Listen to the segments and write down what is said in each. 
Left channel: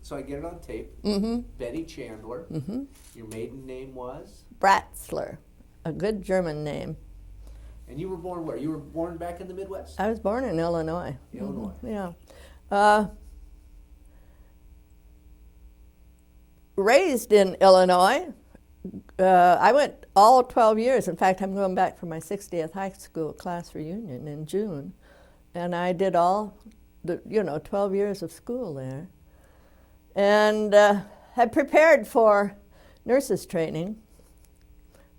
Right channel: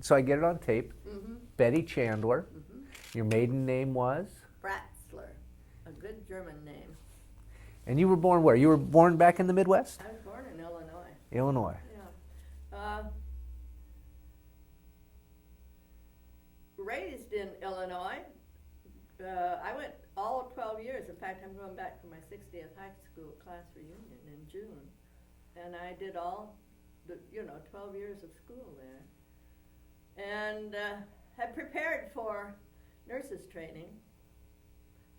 So I get it on tape. Betty Chandler. Your maiden name was? Bratzler, a good German name. And you were born where? You were born back in the Midwest? I was born in Illinois. Illinois. Yeah. Raised in Illinois. I went all 12 years. In fact, I'm going back for my 60th high school class reunion in June. And I did all the, 12 years of school there. And had prepared for nurses training.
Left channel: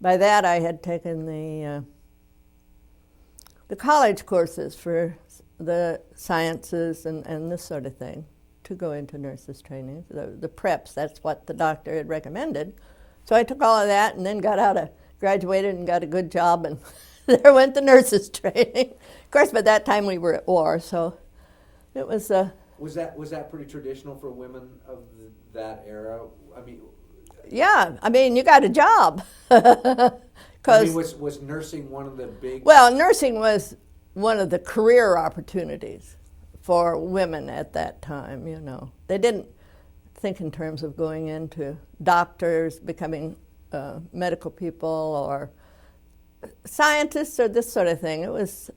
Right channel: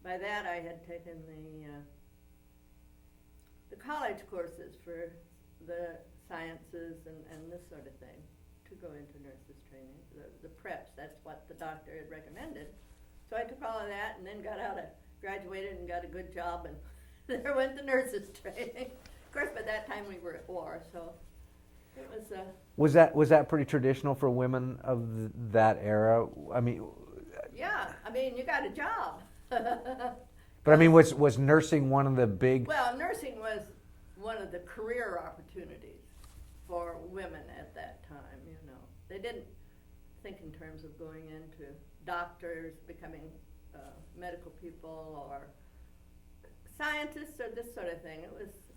By that, I had taken the college courses for the sciences and this sort of thing to go into nurses training. The preps, that's what the doctor had recommended. So I took all of that and then graduated and got a good job, and there went the nurses training. Of course, by that time we were at war, so it was... Was that pretty traditional for women of that era? I mean... Yeah, I mean, you got a job. I mean, was nursing one of the big... Well, nursing was one of the career opportunities for women at that time, They didn't think in terms of going into doctors, becoming medical people, or scientists, or this sort of thing. It was,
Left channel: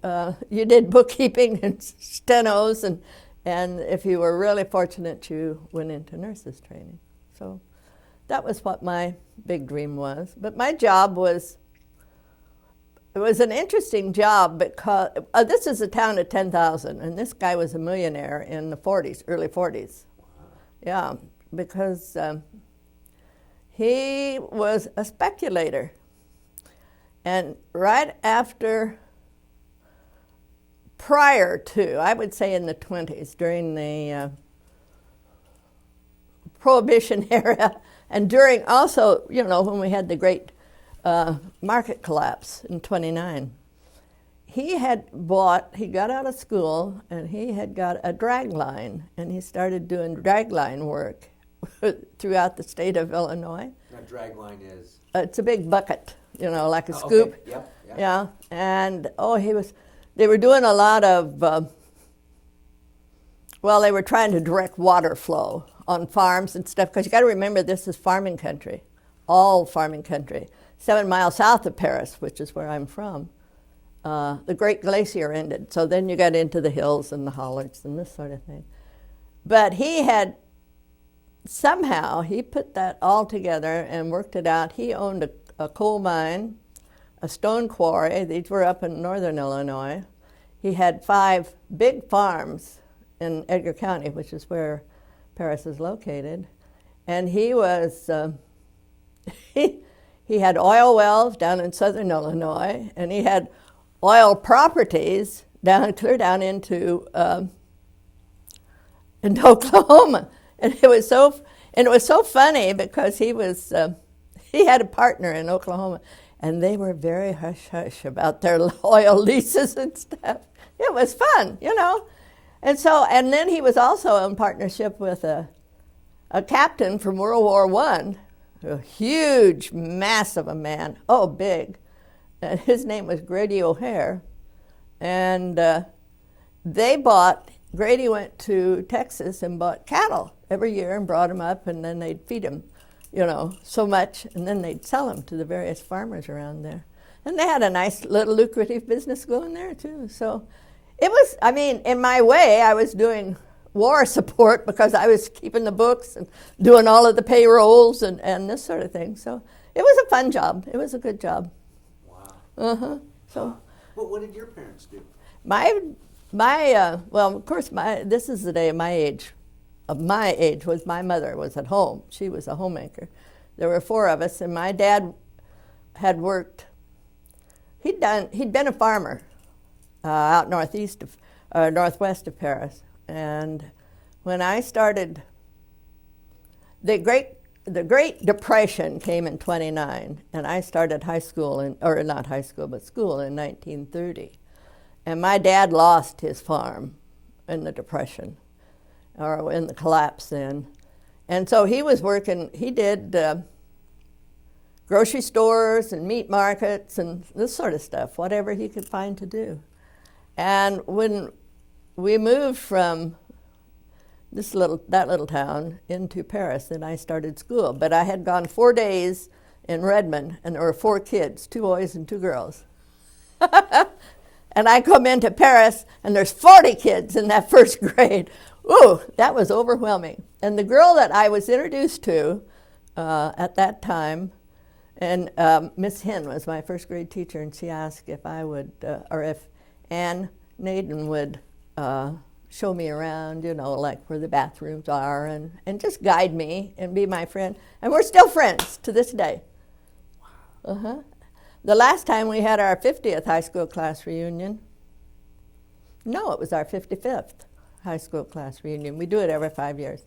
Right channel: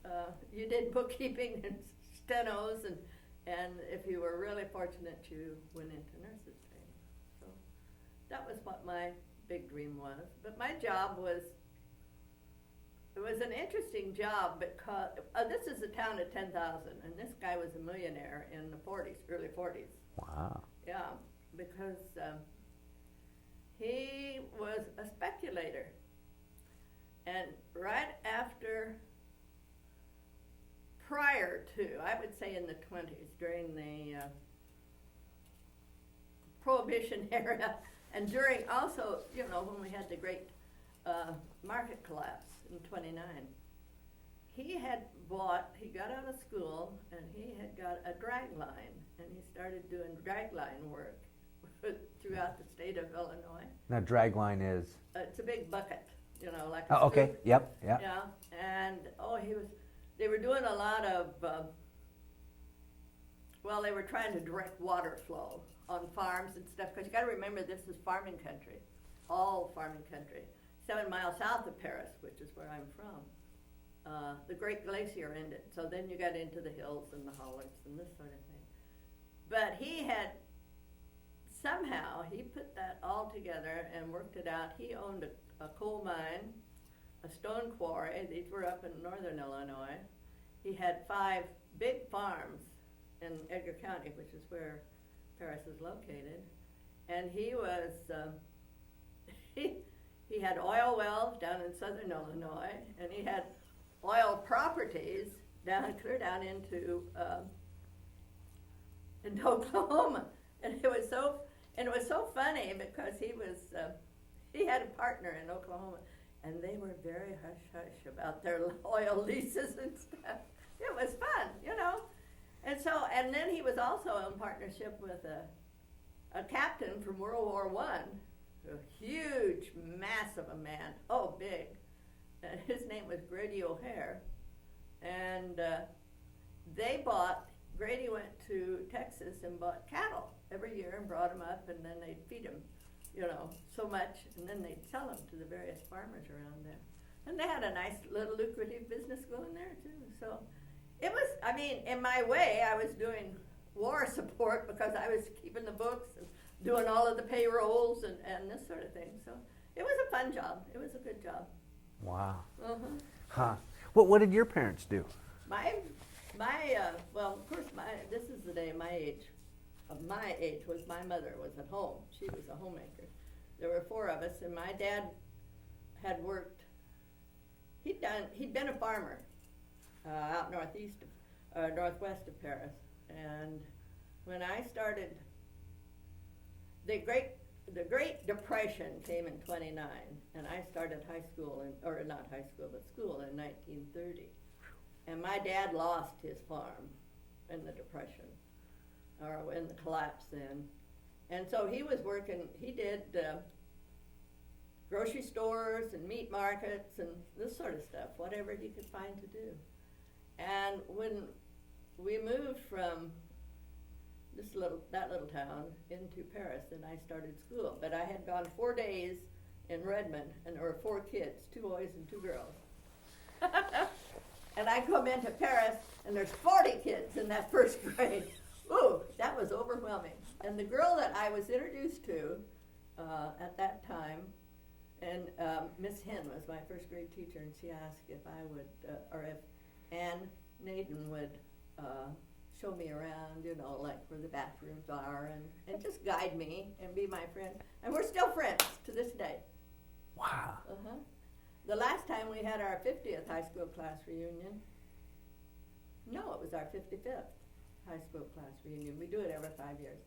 you did bookkeeping and stenos, and if you were really fortunate, you went into nurses training. So that was what my big dream was. But my job was... It was an interesting job because this is a town of 10,000, and this guy was a millionaire in the 40s, early 40s. Wow. Yeah, because he was a speculator. And right after, prior to, I would say in the 20s, during the Prohibition era, and during also, when we had the great market collapse in 29. He got out of school and he had got a drag line, and he started doing drag line work throughout the state of Illinois. Now, drag line is? It's a big bucket, like a scoop. Okay. Yep. Yeah, and they were doing a lot of, they were trying to direct water flow on farms and stuff, because you got to remember this is farming country, all farming country. 7 miles south of Paris, which is where I'm from, the Great Glacier ended. So then you got into the hills and the hollards and this sort of thing. But he put that all together and worked it out. He owned a coal mine, a stone quarry. These were up in northern Illinois. He had 5 big farms in Edgar County, which is where Paris is located. And he was... He had oil wells down in southern Illinois, and he had oil properties clear down into Oklahoma, and it was so funny because he had a partner in Oklahoma, and they were very hush hush about their oil leases and stuff. It was fun, and then he was also in partnership with a captain from World War I. A huge, massive a man, big. And his name was Grady O'Hare. And Grady went to Texas and bought cattle every year and brought them up, and then they'd feed them, so much, and then they'd sell them to the various farmers around there. And they had a nice little lucrative business going there, too. So it was, in my way, I was doing war support because I was keeping the books and doing all of the payrolls and this sort of thing. So it was a fun job. It was a good job. Wow. Uh-huh. So, what did your parents do? Of course, this is the day of my age was my mother was at home. She was a homemaker. There were 4 of us, and my dad had worked. He'd been a farmer out northwest of Paris. And when I started, the Great Depression came in 29, and I started school in 1930. And my dad lost his farm in the Depression, or in the collapse then. And so he was working, he did grocery stores and meat markets and this sort of stuff, whatever he could find to do. And when we moved from that little town into Paris, and I started school. But I had gone 4 days in Redmond, and there were 4 kids, 2 boys and 2 girls. And I come into Paris, and there's 40 kids in that first grade. Ooh, that was overwhelming. And the girl that I was introduced to at that time, and Miss Hen was my first grade teacher, and she asked if I would, or if Ann Naden would show me around, you know, like where the bathrooms are, and just guide me and be my friend. And we're still friends to this day. Wow. Uh-huh. The last time we had our 50th high school class reunion, no, it was our 55th high school class reunion. We do it every 5 years.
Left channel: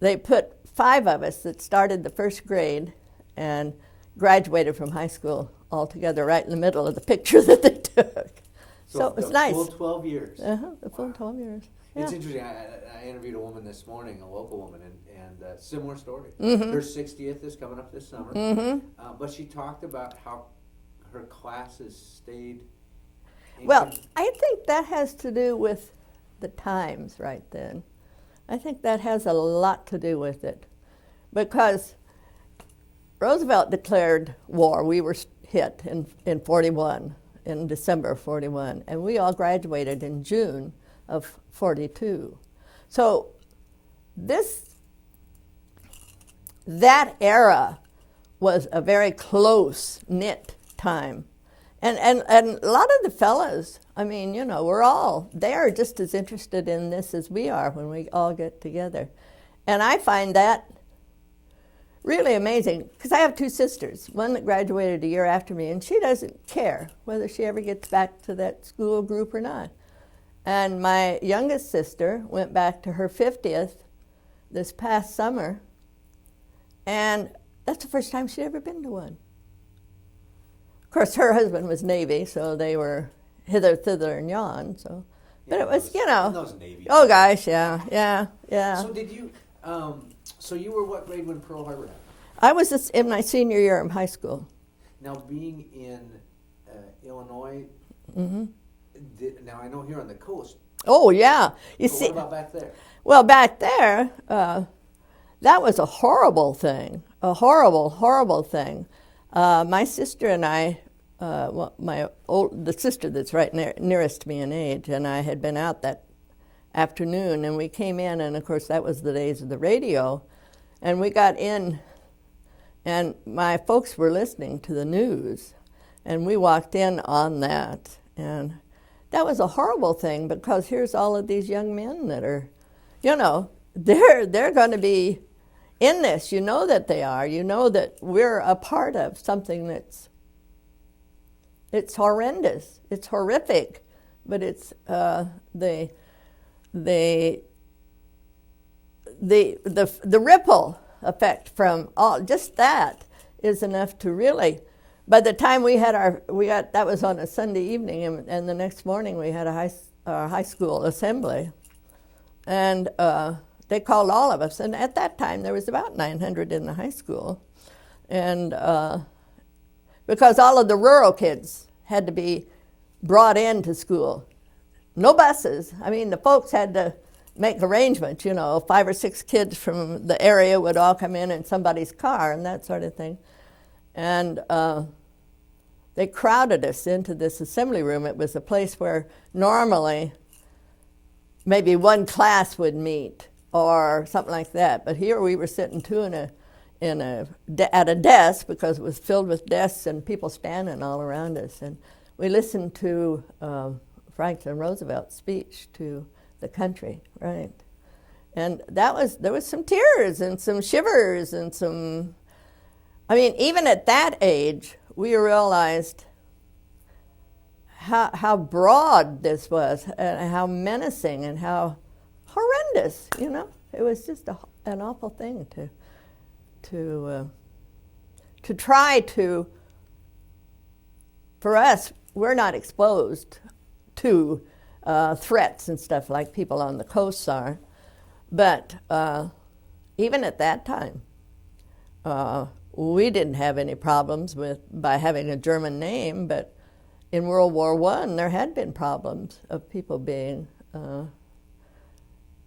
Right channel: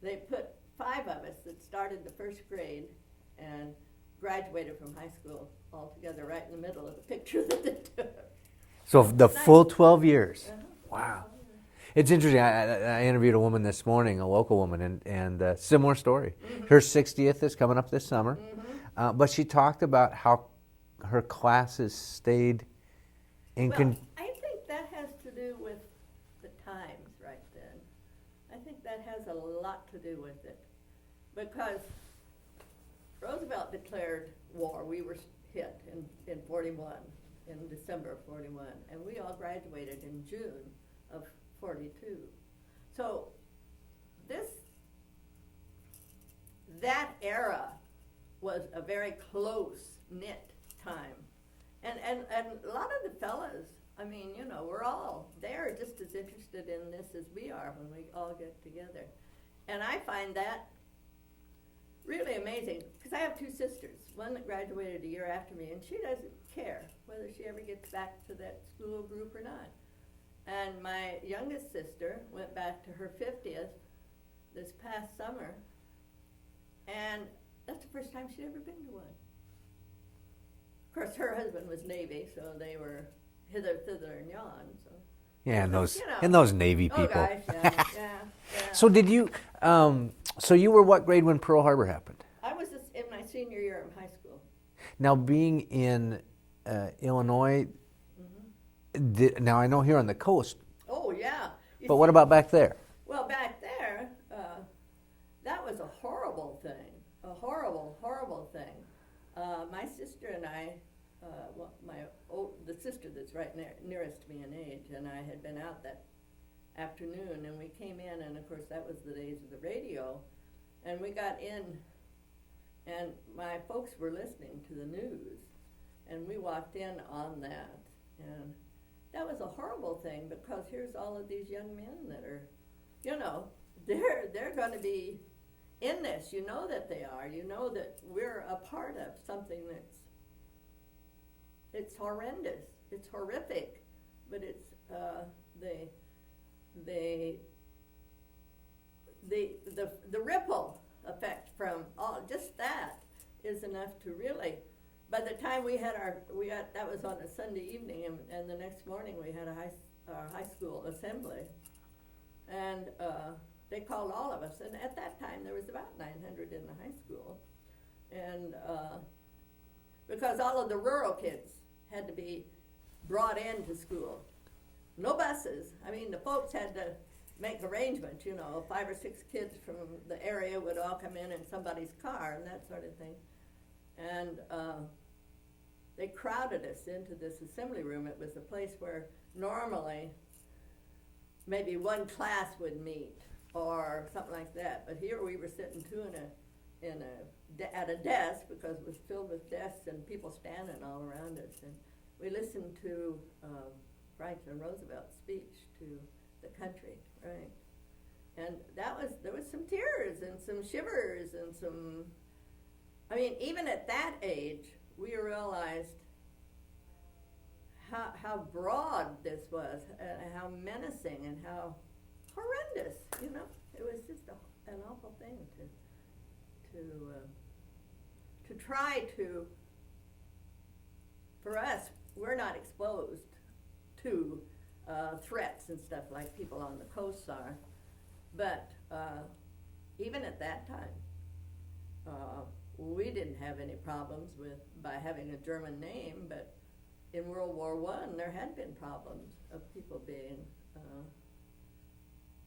They put 5 of us that started the first grade and graduated from high school all together right in the middle of the picture that they took. So the nice. full 12 years. The full Wow. 12 years. It's Yeah. interesting. I interviewed a woman this morning, a local woman, and similar story. Mm-hmm. Her 60th is coming up this summer, but she talked about how her classes stayed in Well, I think that has to do with the times right then. I think that has a lot to do with it, because Roosevelt declared war. We were hit in 41, in December of 41, and we all graduated in June of 42. So that era was a very close-knit time. And a lot of the fellas, I mean, you know, they are just as interested in this as we are when we all get together. And I find that really amazing, because I have 2 sisters, one that graduated a year after me, and she doesn't care whether she ever gets back to that school group or not. And my youngest sister went back to her 50th this past summer, and that's the first time she'd ever been to one. Of course, her husband was Navy, so they were hither, thither, and yon. So, yeah, but it was, you know. and those Navy people. Oh, gosh, yeah. So did you, so you were what grade when Pearl Harbor happened? I was in my senior year in high school. Now, being in Illinois, now I know here on the coast, Oh, yeah. but what about back there? Well, back there, that was a horrible thing, a horrible, horrible thing. My sister and I, the sister that's right nearest to me in age, and I had been out that afternoon, and we came in, and of course that was the days of the radio, and we got in, and my folks were listening to the news, and we walked in on that, and that was a horrible thing, because here's all of these young men that are, you know, they're going to be in this. You know that they are. You know that we're a part of something it's horrendous. It's horrific, but it's the ripple effect from all just that is enough to really. By the time that was on a Sunday evening, and the next morning we had a high school assembly, and they called all of us, and at that time there was about 900 in the high school, and because all of the rural kids had to be brought into school, no buses. I mean, the folks had to make arrangements. You know, 5 or 6 kids from the area would all come in somebody's car and that sort of thing, and they crowded us into this assembly room. It was a place where normally maybe one class would meet or something like that. But here we were sitting 2 at a desk, because it was filled with desks and people standing all around us. And we listened to Franklin Roosevelt's speech to the country, right? And there was some tears and some shivers and some, I mean, even at that age, we realized how broad this was, and how menacing and how horrendous, you know. It was just an awful thing to try to, for us, we're not exposed to threats and stuff like people on the coasts are, but even at that time, we didn't have any problems by having a German name, but in World War I, there had been problems of people being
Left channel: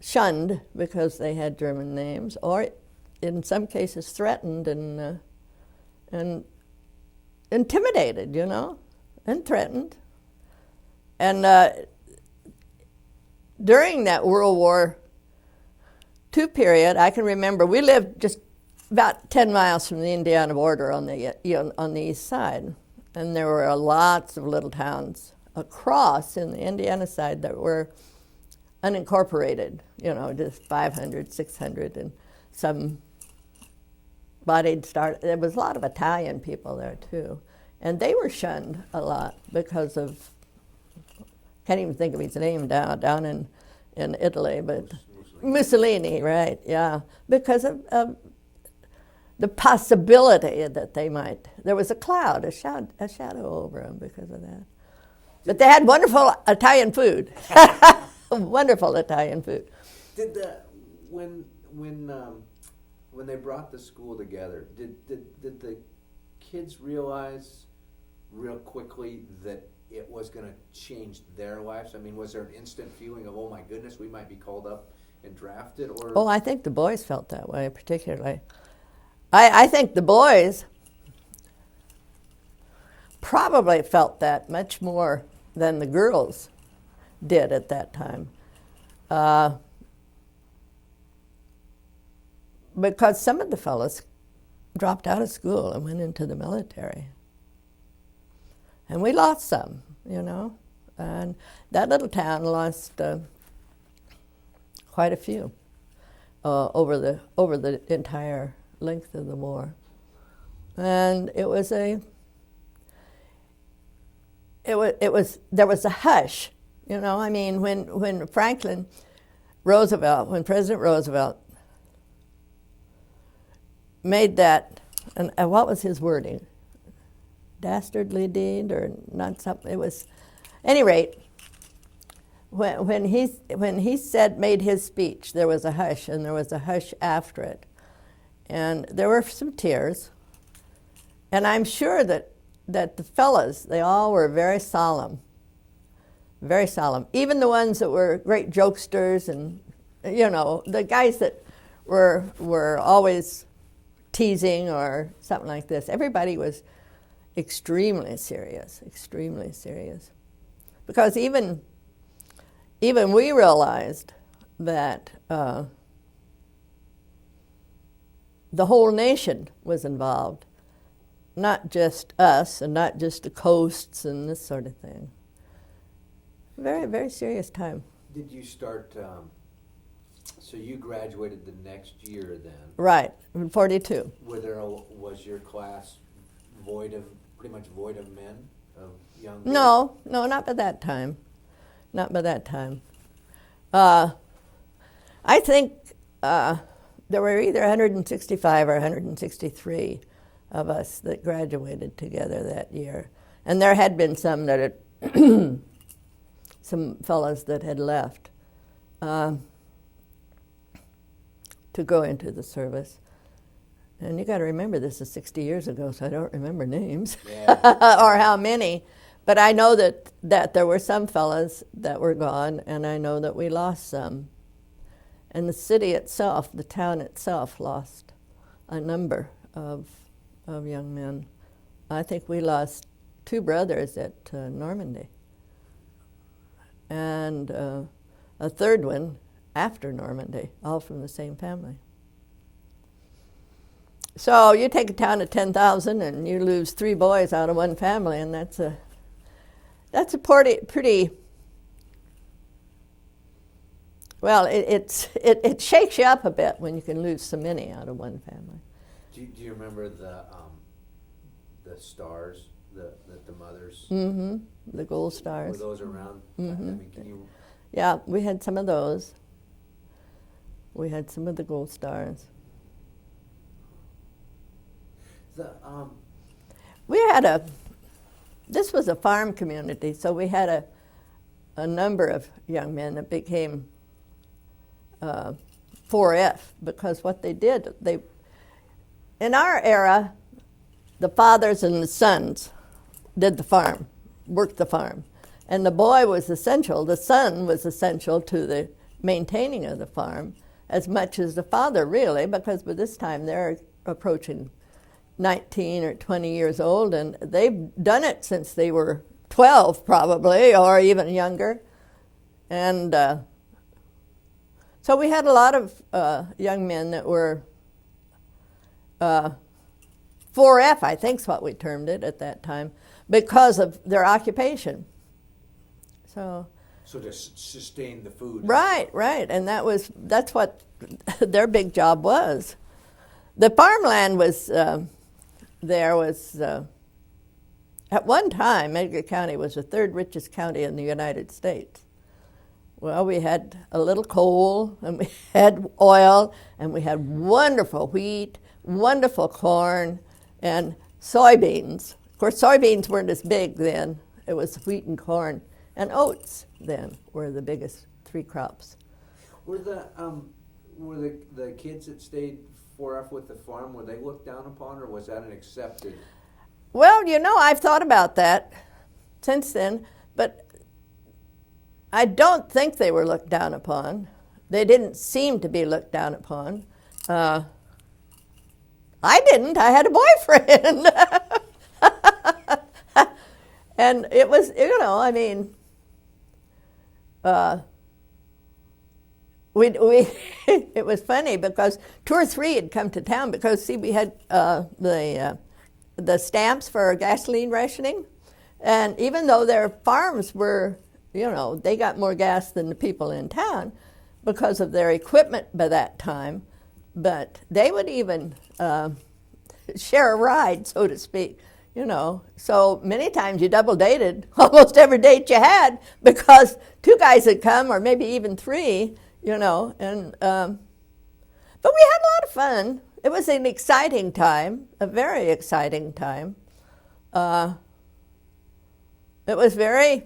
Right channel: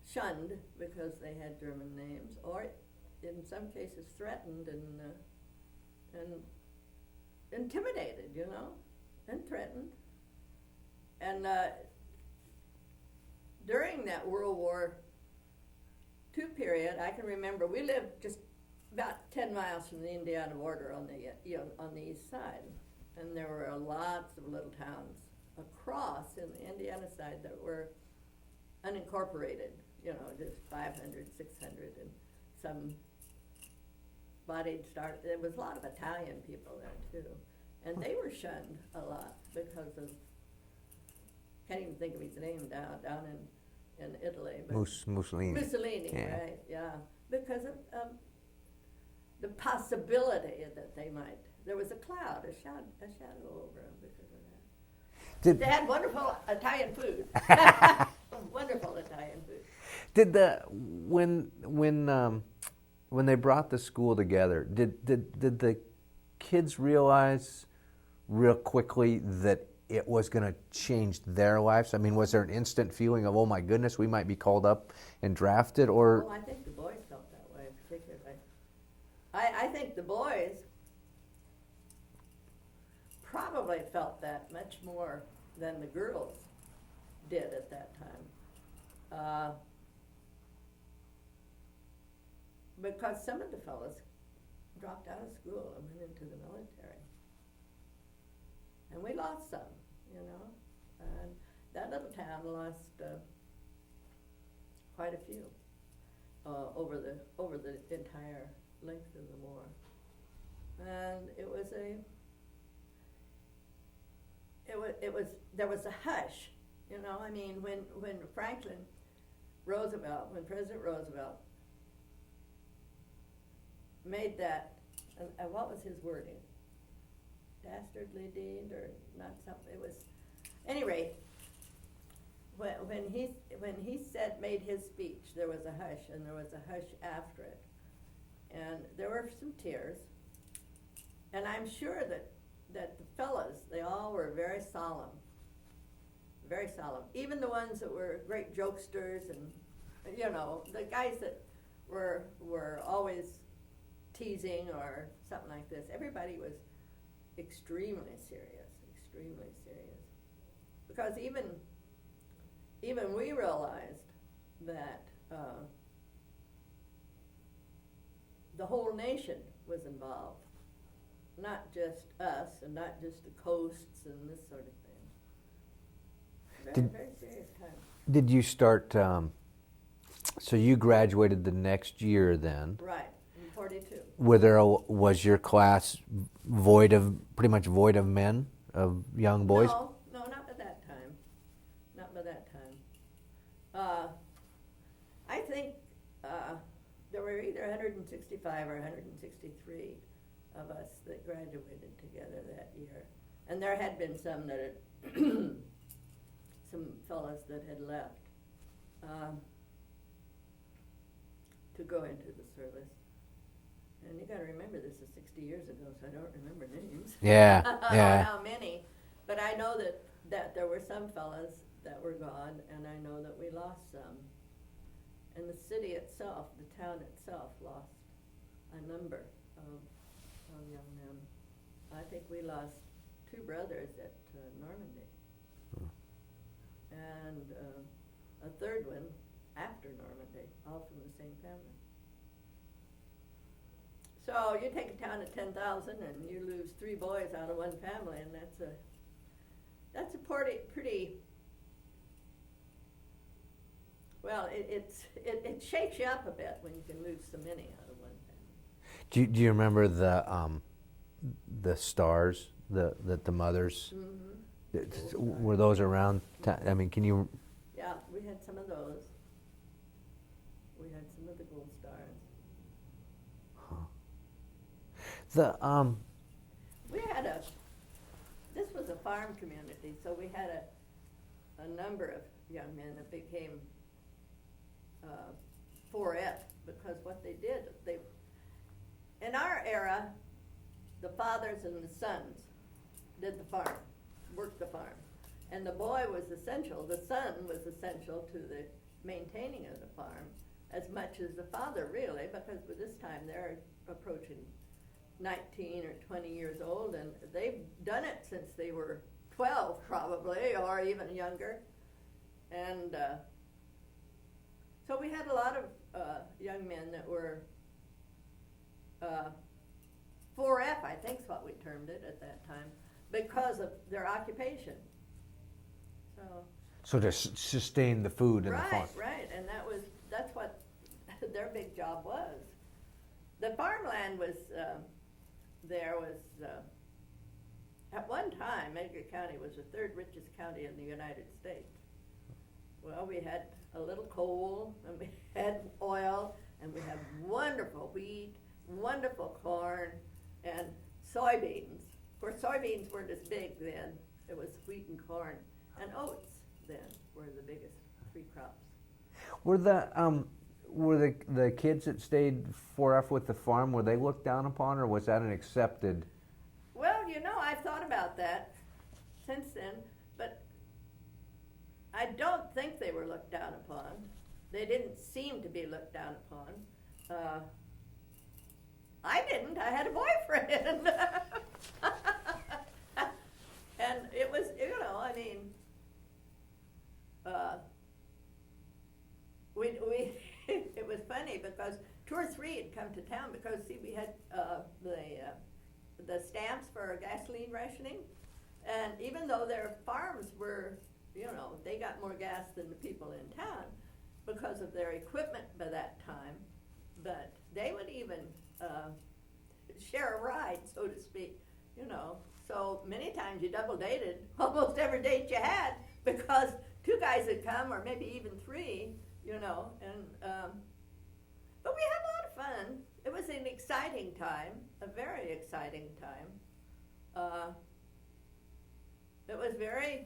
shunned because they had German names, or in some cases threatened and intimidated, you know, and threatened. And during that World War II period, I can remember we lived just about 10 miles from the Indiana border on the east side, and there were lots of little towns across in the Indiana side that were unincorporated, you know, just 500, 600, and some bodied start. There was a lot of Italian people there too, and they were shunned a lot because of, can't even think of his name down in Italy, but Mussolini, right? Yeah, because of the possibility that they might. There was a cloud, a shadow over them because of that. But they had wonderful Italian food. Wonderful Italian food. Did when they brought the school together, did the kids realize real quickly that it was going to change their lives? I mean, was there an instant feeling of, oh my goodness, we might be called up and drafted? Or oh, I think the boys felt that way particularly. I think the boys probably felt that much more than the girls did at that time. Because some of the fellows dropped out of school and went into the military. And we lost some, you know. And that little town lost quite a few over the entire length of the war. And there was a hush, you know. I mean, when President Roosevelt made that, and what was his wording? Dastardly deed or not something? It was, at any rate, when he made his speech, there was a hush, and there was a hush after it, and there were some tears, and I'm sure that the fellas, they all were very solemn, even the ones that were great jokesters, and you know, the guys that were always teasing or something like this. Everybody was extremely serious, because even we realized that the whole nation was involved, not just us and not just the coasts and this sort of thing. Very serious time. Did you start, so you graduated the next year then? Right, in 42. Was your class pretty much void of men, of young boys? No, not by that time. I think there were either 165 or 163 of us that graduated together that year. And there had been some that had some fellows that had left to go into the service. And you got to remember, this is 60 years ago, so I don't remember names. Yeah. Or how many. But I know that there were some fellows that were gone, and I know that we lost some. And the city itself, the town itself, lost a number of young men. I think we lost 2 brothers at Normandy, and a third one after Normandy, all from the same family. So you take a town of 10,000 and you lose 3 boys out of one family, and that's a pretty well, it shakes you up a bit when you can lose so many out of one family. Do you remember the stars that the mothers? Mm-hmm. The gold stars. Were those around? Mm-hmm. I mean, can you? Yeah, we had some of those. We had some of the gold stars. This was a farm community, so we had a number of young men that became 4F, because what they did, in our era, the fathers and the sons did the farm, worked the farm, and the boy was essential, the son was essential to the maintaining of the farm as much as the father, really, because by this time they're approaching 19 or 20 years old, and they've done it since they were 12 probably, or even younger. And so we had a lot of young men that were 4F, I think is what we termed it at that time, because of their occupation. So to sustain the food. Right, and that's what their big job was. The farmland was at one time, Edgar County was the third richest county in the United States. Well, we had a little coal, and we had oil, and we had wonderful wheat, wonderful corn, and soybeans. Of course, soybeans weren't as big then. It was wheat and corn, and oats then were the biggest three crops. Were the kids that stayed 4F with the farm, were they looked down upon, or was that an accepted? Well, I've thought about that since then, but I don't think they were looked down upon. They didn't seem to be looked down upon. I didn't. I had a boyfriend. And it was, it was funny because 2 or 3 had come to town because, see, we had the stamps for gasoline rationing. And even though their farms were, they got more gas than the people in town because of their equipment by that time, but they would even share a ride, so to speak, So many times you double dated almost every date you had because 2 guys had come, or maybe even 3, and but we had a lot of fun. It was an exciting time, a very exciting time. It was very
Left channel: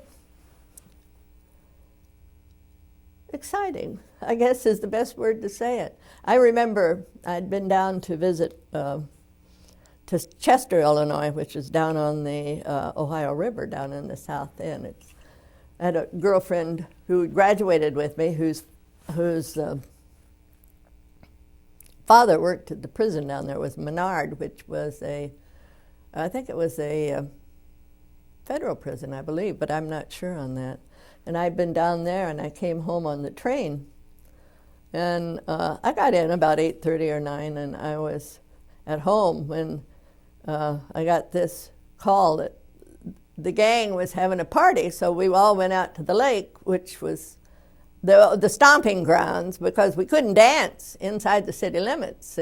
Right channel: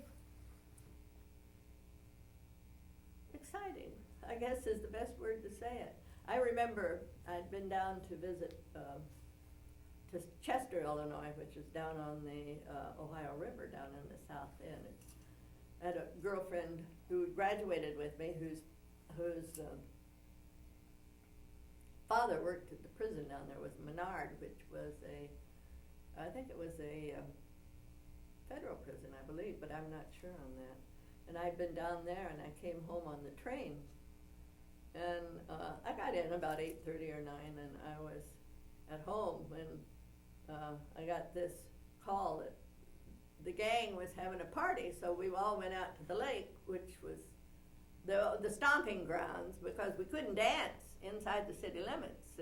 exciting, I guess is the best word to say it. I remember I'd been down to visit to Chester, Illinois, which is down on the Ohio River down in the south end. I had a girlfriend who graduated with me whose father worked at the prison down there, was Menard, which was I think it was a federal prison, I believe, but I'm not sure on that. And I'd been down there, and I came home on the train. And I got in about 8:30 or 9, and I was at home when I got this call that the gang was having a party, so we all went out to the lake, which was the stomping grounds, because we couldn't dance inside the city limits.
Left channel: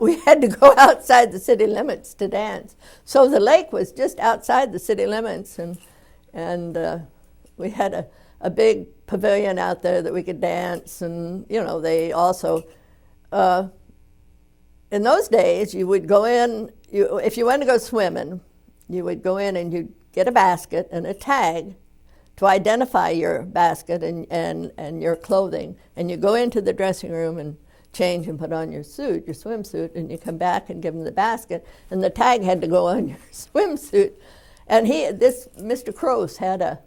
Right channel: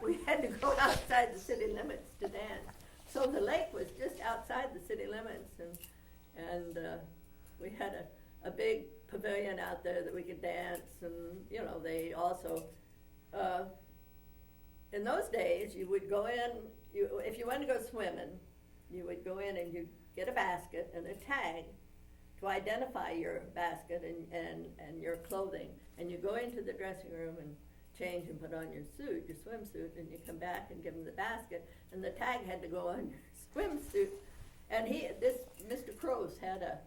We had to go outside the city limits to dance. So the lake was just outside the city limits, and we had a big pavilion out there that we could dance, and they also, in those days, you would go in, if you wanted to go swimming, you would go in and you'd get a basket and a tag to identify your basket and your clothing, and you go into the dressing room and change and put on your suit, your swimsuit, and you come back and give them the basket, and the tag had to go on your swimsuit. And Mr. Croce had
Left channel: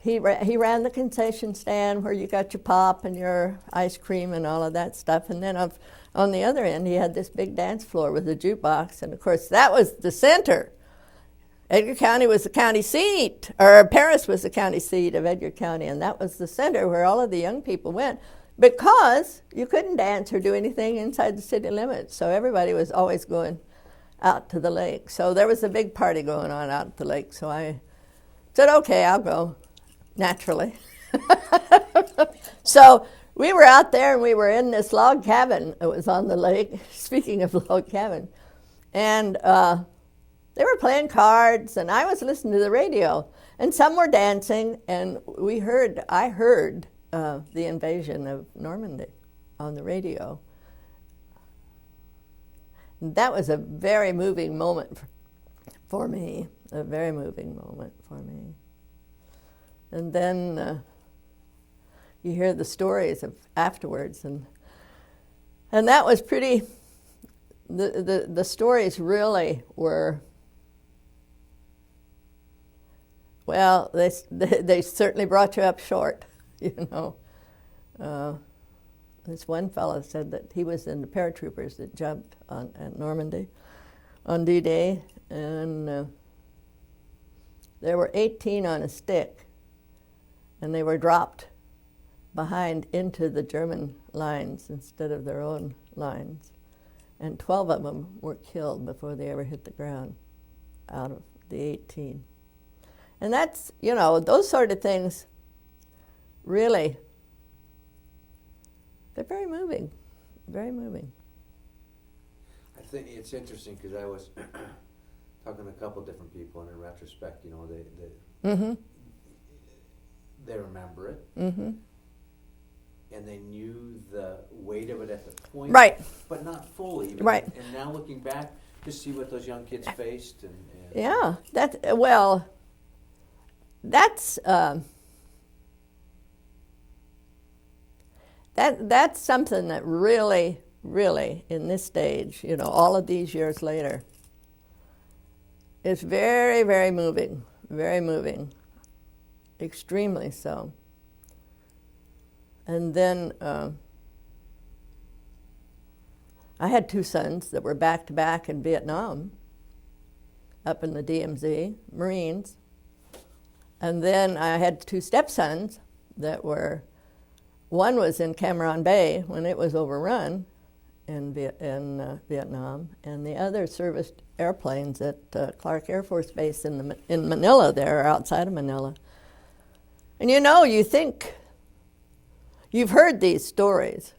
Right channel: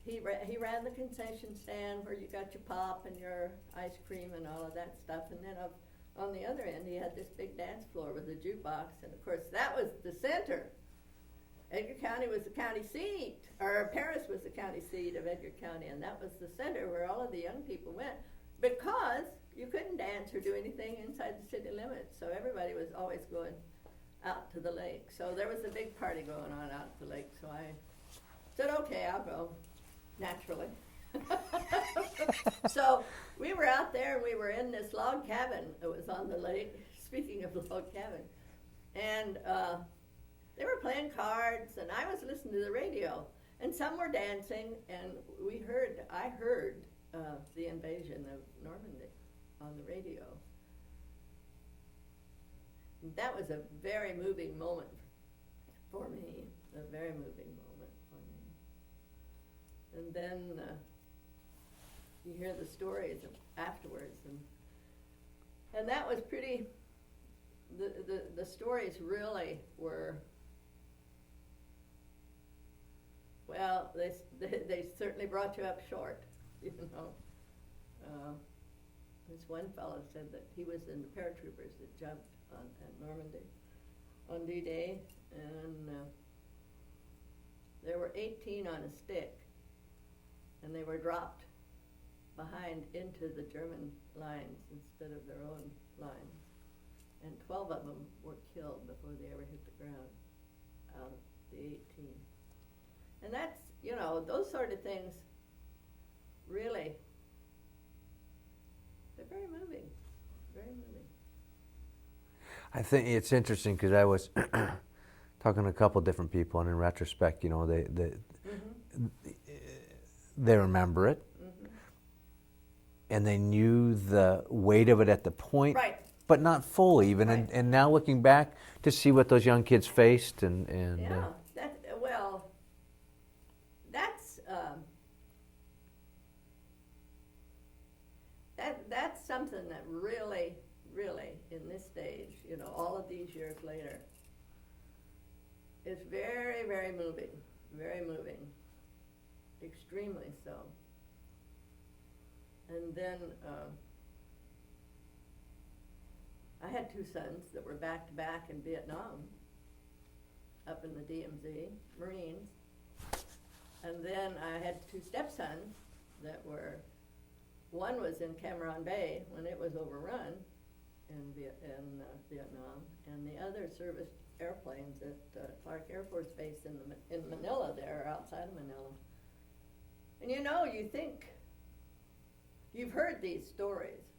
he ran the concession stand where you got your pop and your ice cream and all of that stuff, and then on the other end he had this big dance floor with a jukebox, and of course that was the center. Edgar County was the county seat, or Paris was the county seat of Edgar County, and that was the center where all of the young people went, because you couldn't dance or do anything inside the city limits, so everybody was always going out to the lake. So there was a big party going on out at the lake, so I said, okay, I'll go, naturally. So we were out there, and we were in this log cabin. It was on the lake, speaking of log cabin, and they were playing cards, and I was listening to the radio, and some were dancing, and I heard the invasion of Normandy on the radio. And that was a very moving moment for me, a very moving moment for me. And then you hear the stories of afterwards, and that was pretty, the stories really were, well, they certainly brought you up short, This one fellow said that he was in the paratroopers that jumped at Normandy on D-Day, and there were 18 on a stick, and they were dropped behind into the German lines instead of their own lines. And 12 of them were killed before they ever hit the ground out of the 18. And that's, you know, those sort of things really, they're very moving, very moving. I think it's interesting because I was talking to a couple different people, and in retrospect, you know, they remember it, and they knew the weight of it at the point, right, but not fully even. Right. And now looking back to see what those young kids faced, and yeah, that's that's something that really, really, in this stage, you know, all of these years later, is very, very moving, extremely so. And then I had two sons that were back to back in Vietnam, up in the DMZ, Marines. And then I had two stepsons that were, one was in Cam Bay when it was overrun in Vietnam, and the other serviced airplanes at Clark Air Force Base in Manila there, outside of Manila. And you know, you think, you've heard these stories,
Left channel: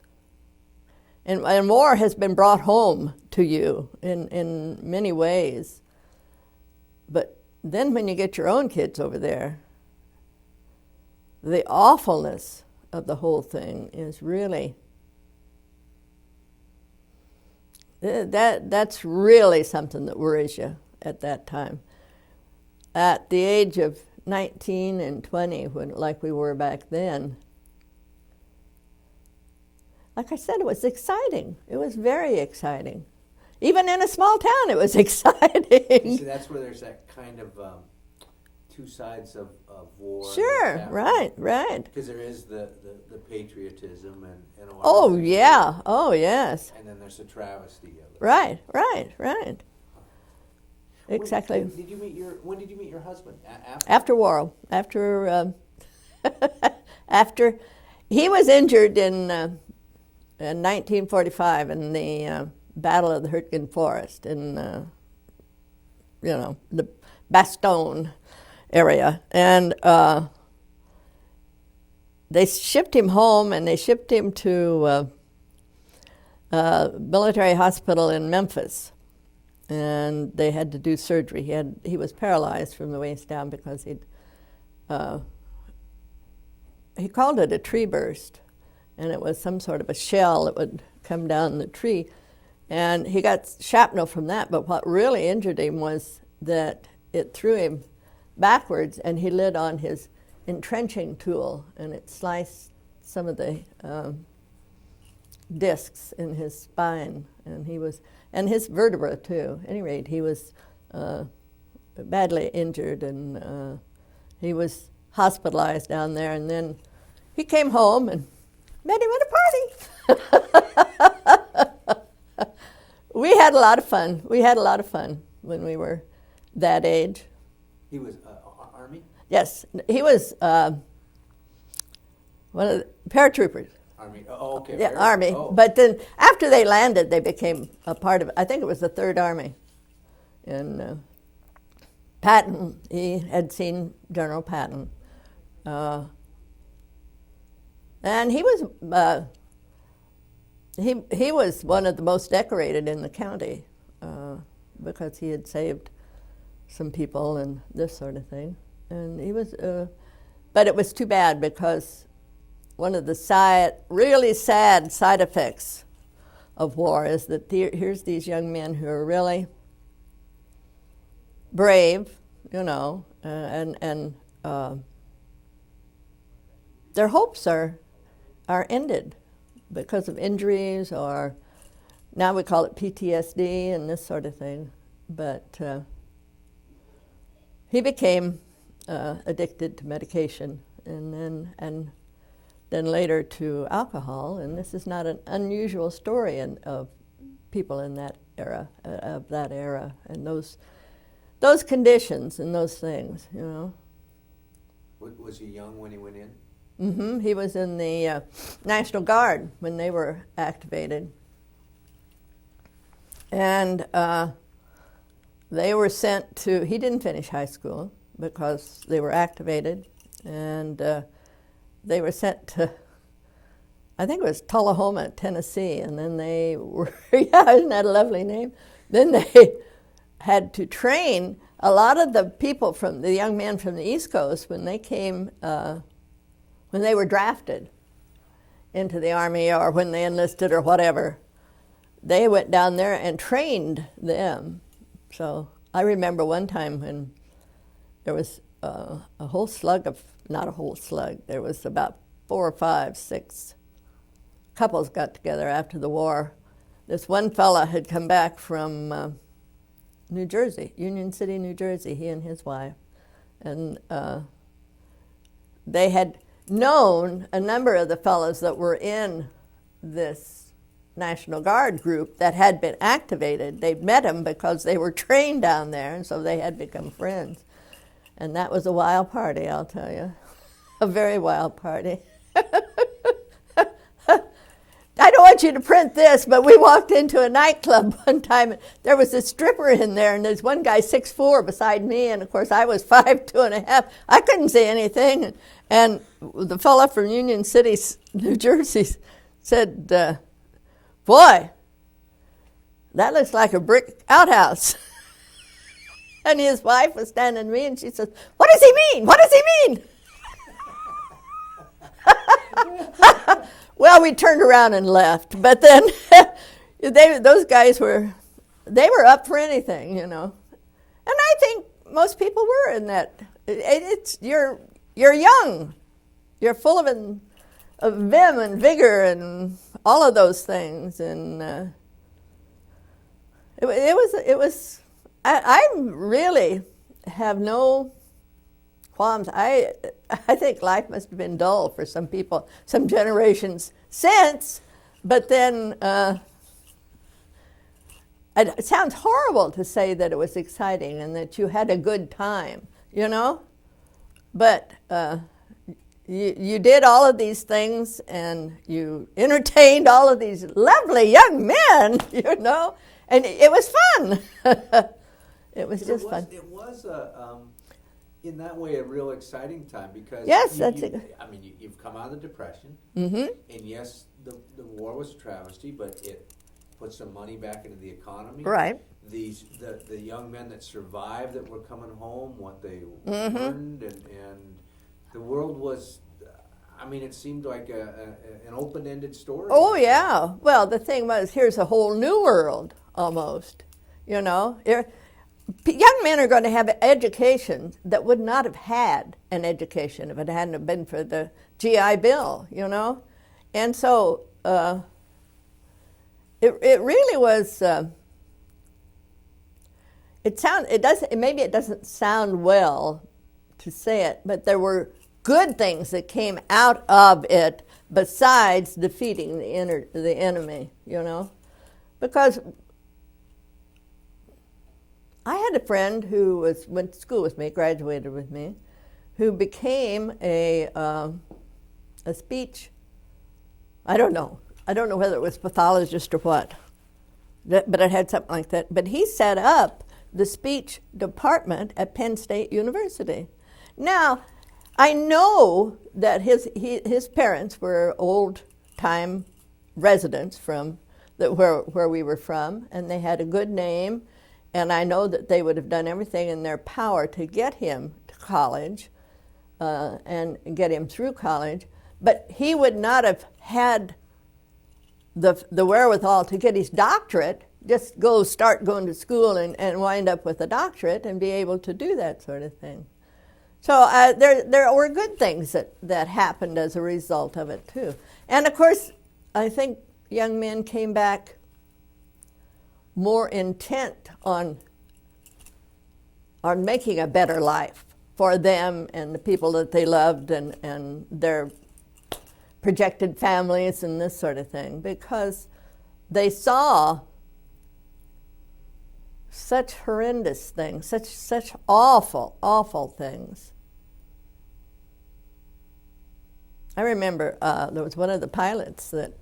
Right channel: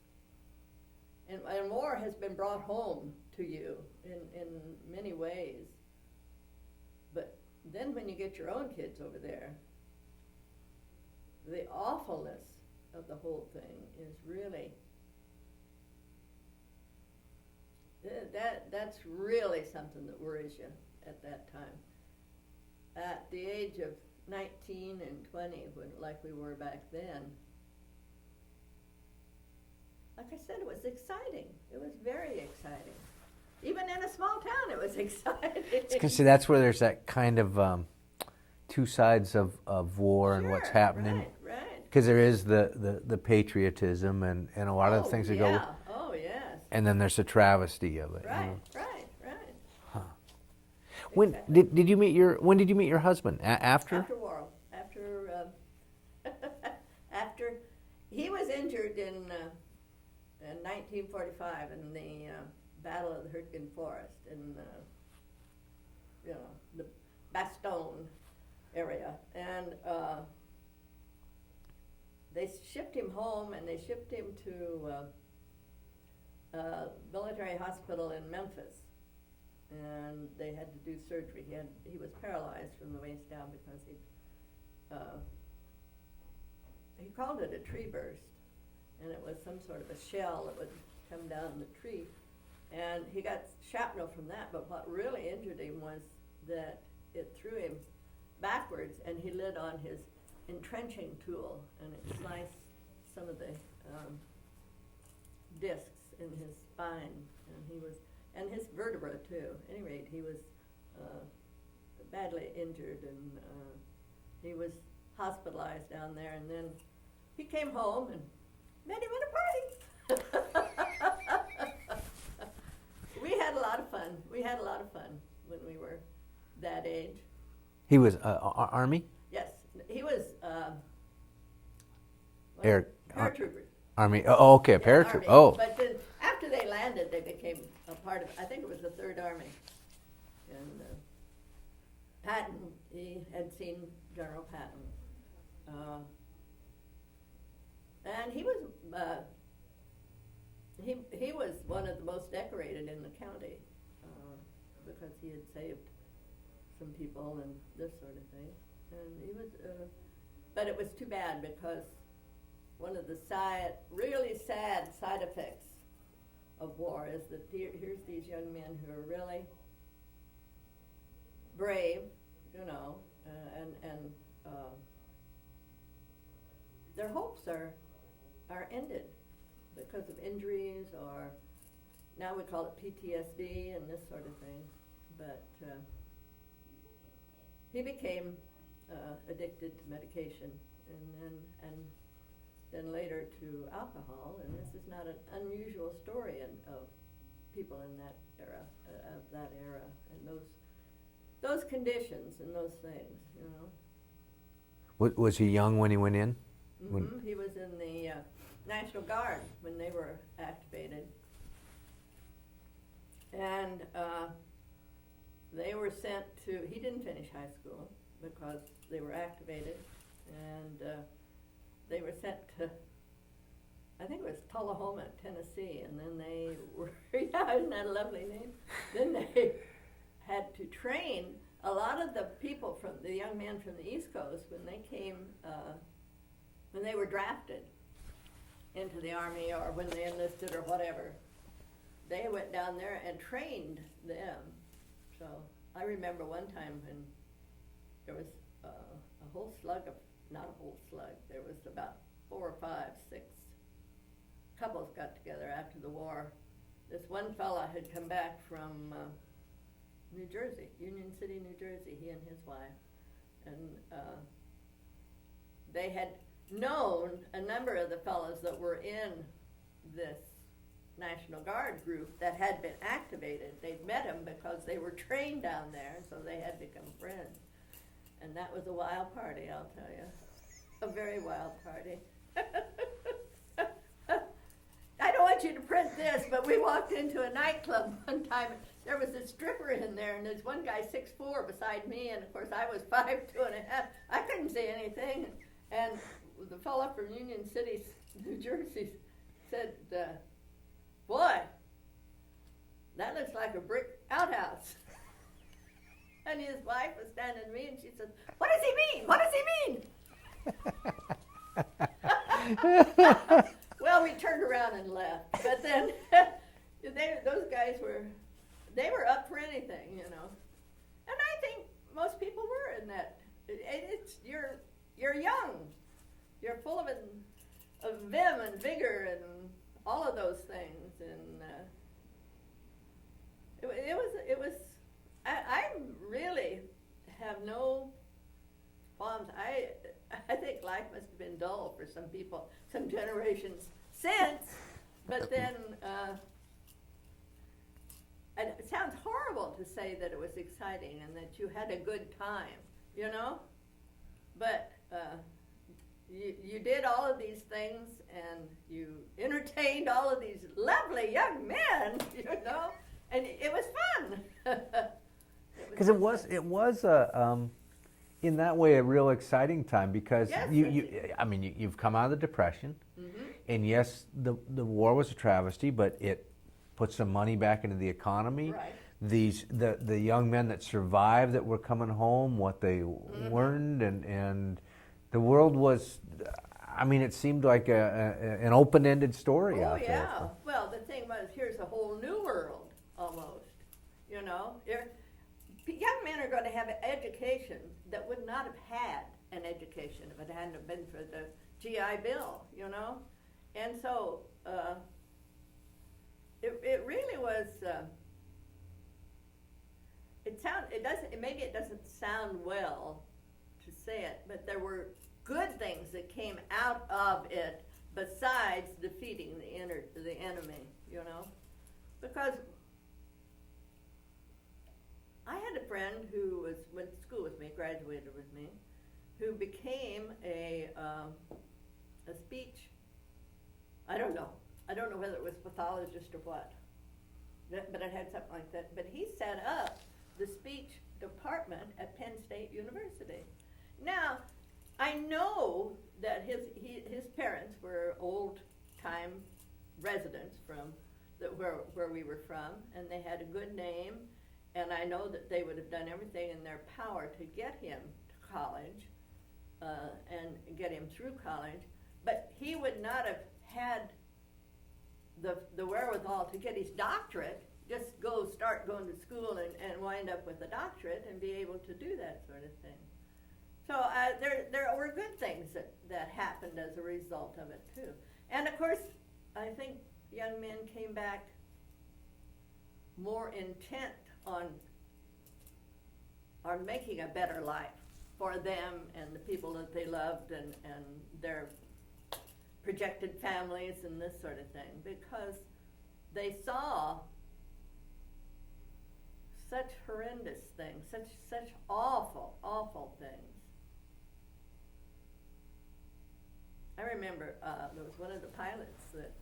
and war has been brought home to you in many ways. But then when you get your own kids over there, the awfulness of the whole thing is really, that's really something that worries you at that time. At the age of 19 and 20, like we were back then, like I said, it was exciting. It was very exciting. Even in a small town, it was exciting. See, that's where there's that kind of two sides of war. Sure, and what's happening. right. Because there is the patriotism and a lot Oh, of things. yeah. Oh, yes. And then there's the travesty of it. Right. Huh. Exactly. When did you meet your husband? After? After war. After he was injured in 1945 in the Battle of the Hurtgen Forest in, the Bastogne area. And they shipped him home, and they shipped him to a military hospital in Memphis. And they had to do surgery. He was paralyzed from the waist down because he called it a tree burst. And it was some sort of a shell that would come down the tree. And he got shrapnel from that, but what really injured him was that it threw him backwards, and he lit on his entrenching tool, and it sliced some of the discs in his spine, and his vertebra too. At any rate, he was badly injured, and he was hospitalized down there, and then he came home and met him at a party. We had a lot of fun. When we were that age. He was Army? Yes, he was one of the paratroopers. Army. Oh, okay. Yeah, Army. Oh. But then after they landed, they became a part of, I think it was the 3rd Army. And Patton, he had seen General Patton. And he was he was one of the most decorated in the county because he had saved some people and this sort of thing. And he was, but it was too bad because one of the really sad side effects of war is that here's these young men who are really brave, and their hopes are ended because of injuries, or now we call it PTSD and this sort of thing. But he became addicted to medication, and then later to alcohol. And this is not an unusual story of people in that era, and those conditions and those things, you know. Was he young when he went in? Mm-hmm. He was in the National Guard when they were activated. And they were sent to, he didn't finish high school because they were activated, and they were sent to, I think it was Tullahoma, Tennessee, and then they were, yeah, isn't that a lovely name? Then they had to train a lot of the people from, the young men from the East Coast, when they came, when they were drafted into the Army or when they enlisted or whatever, they went down there and trained them. So I remember one time when there was a whole slug of, not a whole slug, there was about 4 or 5, 6 couples got together after the war. This one fella had come back from New Jersey, Union City, New Jersey, he and his wife. And they had known a number of the fellows that were in this National Guard group that had been activated. They'd met them because they were trained down there, and so they had become friends. And that was a wild party, I'll tell you. A very wild party. I don't want you to print this, but we walked into a nightclub one time. There was a stripper in there, and there's one guy 6'4" beside me, and of course I was 5'2 1/2". I couldn't see anything. And the fella from Union City, New Jersey, said, "Boy, that looks like a brick outhouse." And his wife was standing to me, and she says, "What does he mean? What does he mean?" Well, we turned around and left. But then those guys were up for anything, you know. And I think most people were in that. You're young. You're full of vim and vigor and all of those things. And it was. I really have no qualms. I think life must have been dull for some people, some generations since, but then it sounds horrible to say that it was exciting and that you had a good time, you know? But you did all of these things, and you entertained all of these lovely young men, you know? And it was fun. It was just fun. It was in that way a real exciting time, because yes, you've come out of the Depression, mm-hmm. and yes, the war was a travesty, but it put some money back into the economy. Right. The young men that survived that were coming home, what they mm-hmm. learned, and the world was, it seemed like an open-ended story. Oh yeah. Well, the thing was, here's a whole new world almost, you know. Young men are going to have an education that would not have had an education if it hadn't been for the GI Bill, you know. And so it really was. Maybe it doesn't sound well to say it, but there were good things that came out of it besides defeating the enemy, you know, because. I had a friend who went to school with me, graduated with me, who became a speech. I don't know whether it was pathologist or what, but it had something like that. But he set up the speech department at Penn State University. Now, I know that his parents were old-time residents from where we were from, and they had a good name. And I know that they would have done everything in their power to get him to college and get him through college. But he would not have had the wherewithal to get his doctorate, just start going to school and wind up with a doctorate and be able to do that sort of thing. So there were good things that happened as a result of it, too. And, of course, I think young men came back more intent on making a better life for them and the people that they loved and their projected families and this sort of thing, because they saw such horrendous things, such awful, awful things. I remember there was one of the pilots that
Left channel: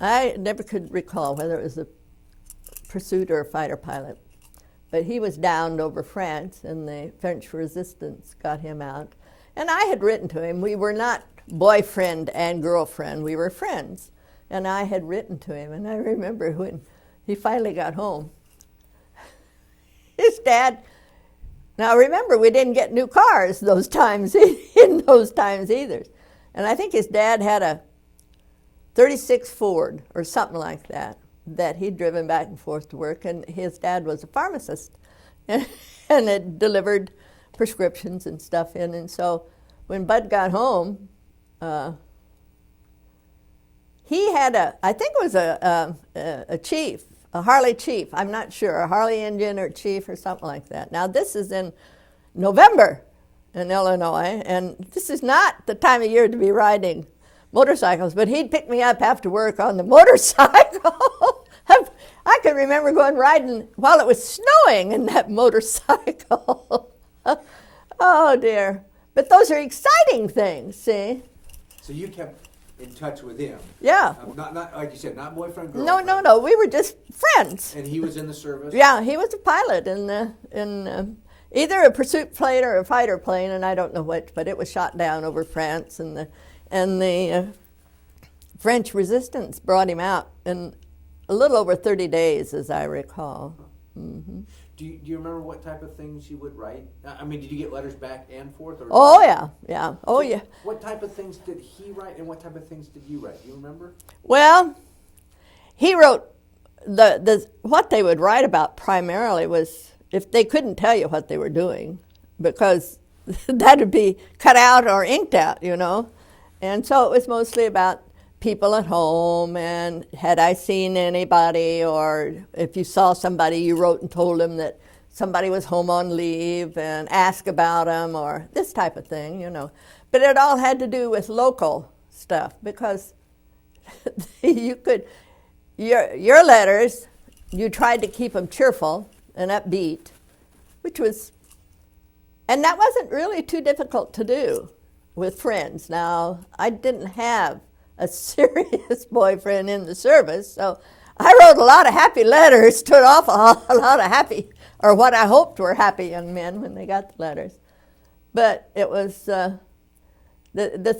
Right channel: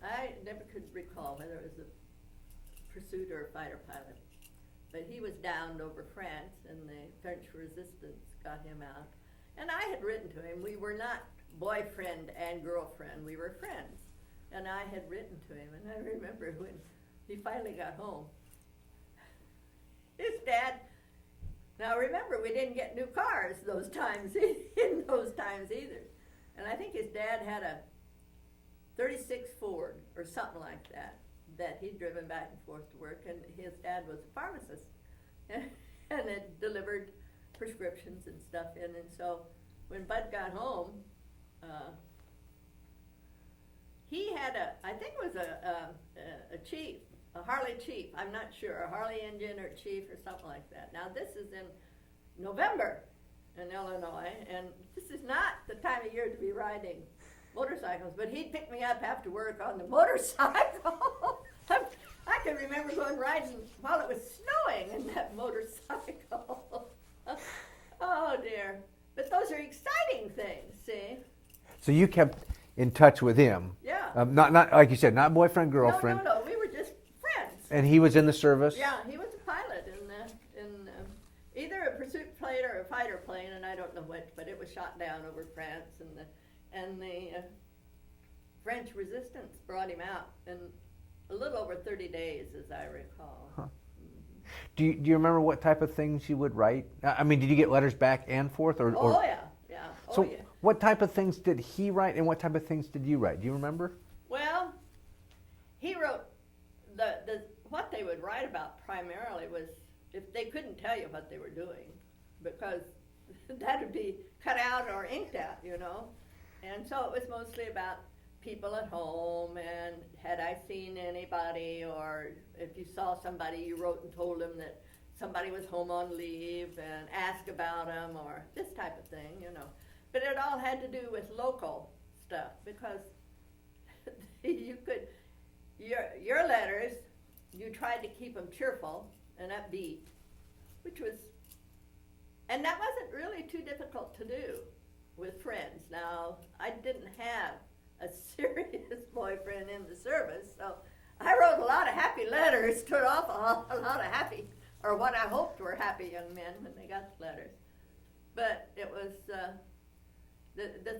I never could recall whether it was a pursuit or a fighter pilot, but he was downed over France, and the French resistance got him out. And I had written to him. We were not boyfriend and girlfriend. We were friends. And I had written to him, and I remember when he finally got home, his dad, now remember, we didn't get new cars those times, in those times either. And I think his dad had a 36 Ford or something like that he'd driven back and forth to work, and his dad was a pharmacist and had delivered prescriptions and stuff in. And so when Bud got home, he had I think it was a chief, a Harley chief, I'm not sure, a Harley Indian or chief or something like that. Now this is in November in Illinois, and this is not the time of year to be riding motorcycles, but he'd pick me up after work on the motorcycle. I can remember going riding while it was snowing in that motorcycle. Oh dear. But those are exciting things, see? So you kept in touch with him? Yeah. Not like you said, not boyfriend, girlfriend? No. We were just friends. And he was in the service? Yeah, he was a pilot in either a pursuit plane or a fighter plane, and I don't know which, but it was shot down over France, and the French resistance brought him out in a little over 30 days, as I recall. Huh. Mm-hmm. Do you remember what type of things you would write? I mean, did you get letters back and forth? Yeah. So what type of things did he write, and what type of things did you write? Do you remember? Well, he wrote what they would write about primarily was if they couldn't tell you what they were doing, because that would be cut out or inked out, you know. And so it was mostly about people at home, and had I seen anybody, or if you saw somebody, you wrote and told them that somebody was home on leave and ask about them, or this type of thing, you know. But it all had to do with local stuff, because you could, your letters, you tried to keep them cheerful and upbeat, which was, and that wasn't really too difficult to do with friends. Now, I didn't have a serious boyfriend in the service, so I wrote a lot of happy letters to an awful lot of happy, or what I hoped were happy young men when they got the letters. But it was, the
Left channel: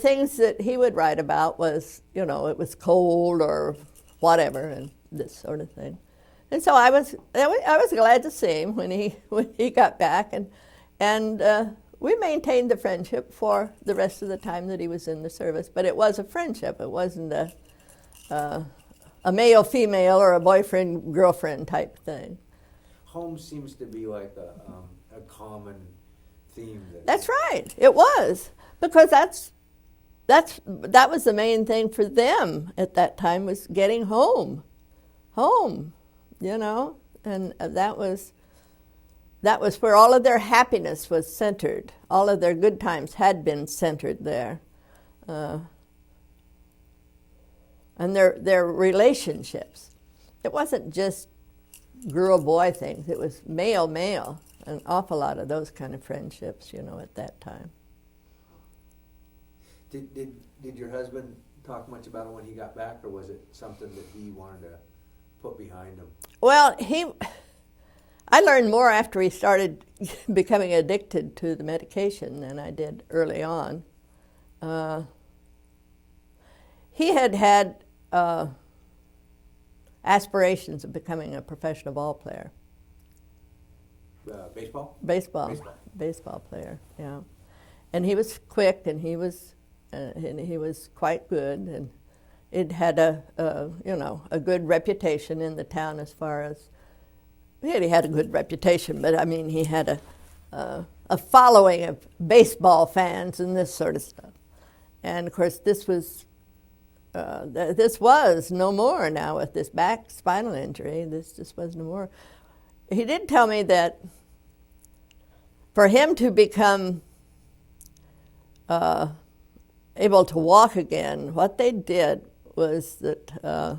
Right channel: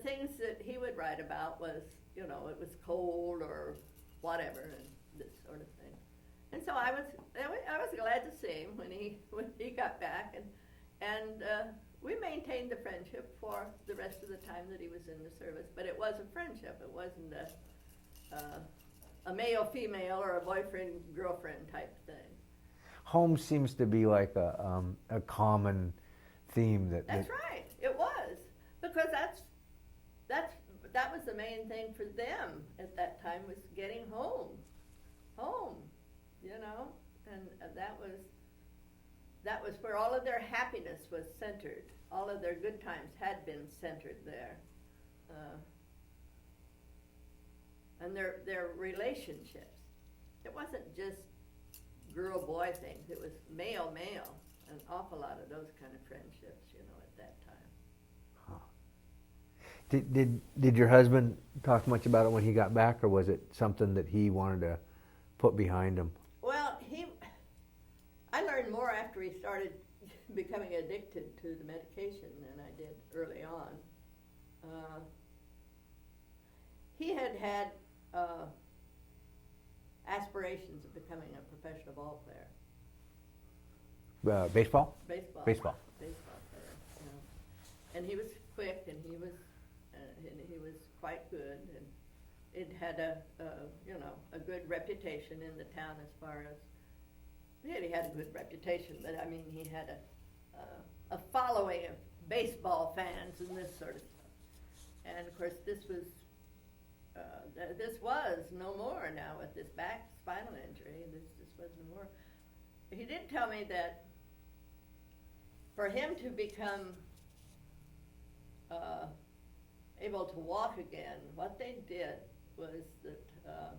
things that he would write about was, you know, it was cold or whatever, and this sort of thing. And so I was glad to see him when he got back, and we maintained the friendship for the rest of the time that he was in the service. But it was a friendship. It wasn't a male-female or a boyfriend-girlfriend type thing. Home seems to be like a common theme. That's right. It was, because that was the main thing for them at that time, was getting home, you know, and that was where all of their happiness was centered. All of their good times had been centered there. And their relationships. It wasn't just girl-boy things. It was male-male. An awful lot of those kind of friendships, you know, at that time. Did your husband talk much about it when he got back, or was it something that he wanted to put behind him? Well, I learned more after he started becoming addicted to the medication than I did early on. He had aspirations of becoming a professional ball player. Baseball? Baseball player, yeah. And he was quick, and he was quite good, and it had a good reputation in the town as far as. He had a good reputation, but I mean, he had a following of baseball fans and this sort of stuff. And of course, this was no more now with this back spinal injury. This just was no more. He did tell me that for him to become a able to walk again, what they did was that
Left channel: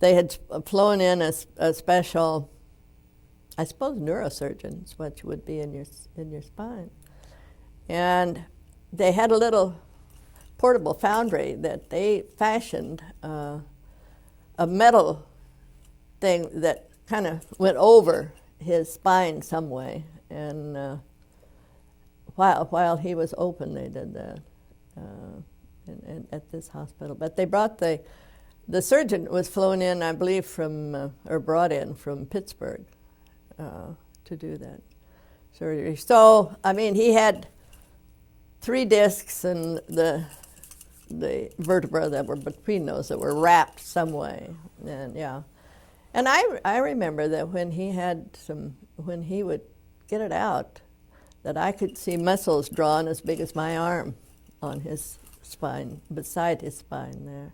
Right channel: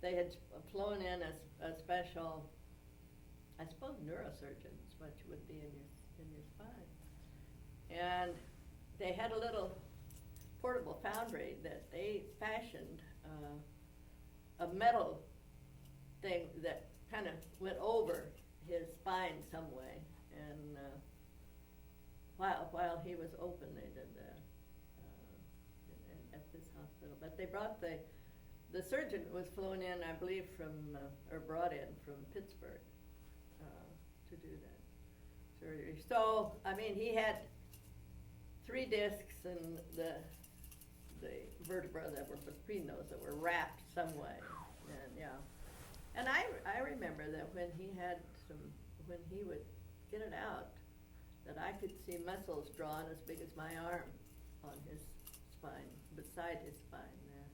they had flown in a special, I suppose, neurosurgeon is what you would be in your spine, and they had a little portable foundry that they fashioned a metal thing that kind of went over his spine some way, and while he was open, they did that at this hospital. But they brought the surgeon was flown in, I believe, from or brought in from Pittsburgh to do that surgery. So I mean, he had 3 discs, and the vertebrae that were between those that were wrapped some way, and yeah. And I remember that when he would get it out, that I could see muscles drawn as big as my arm on his spine, beside his spine there.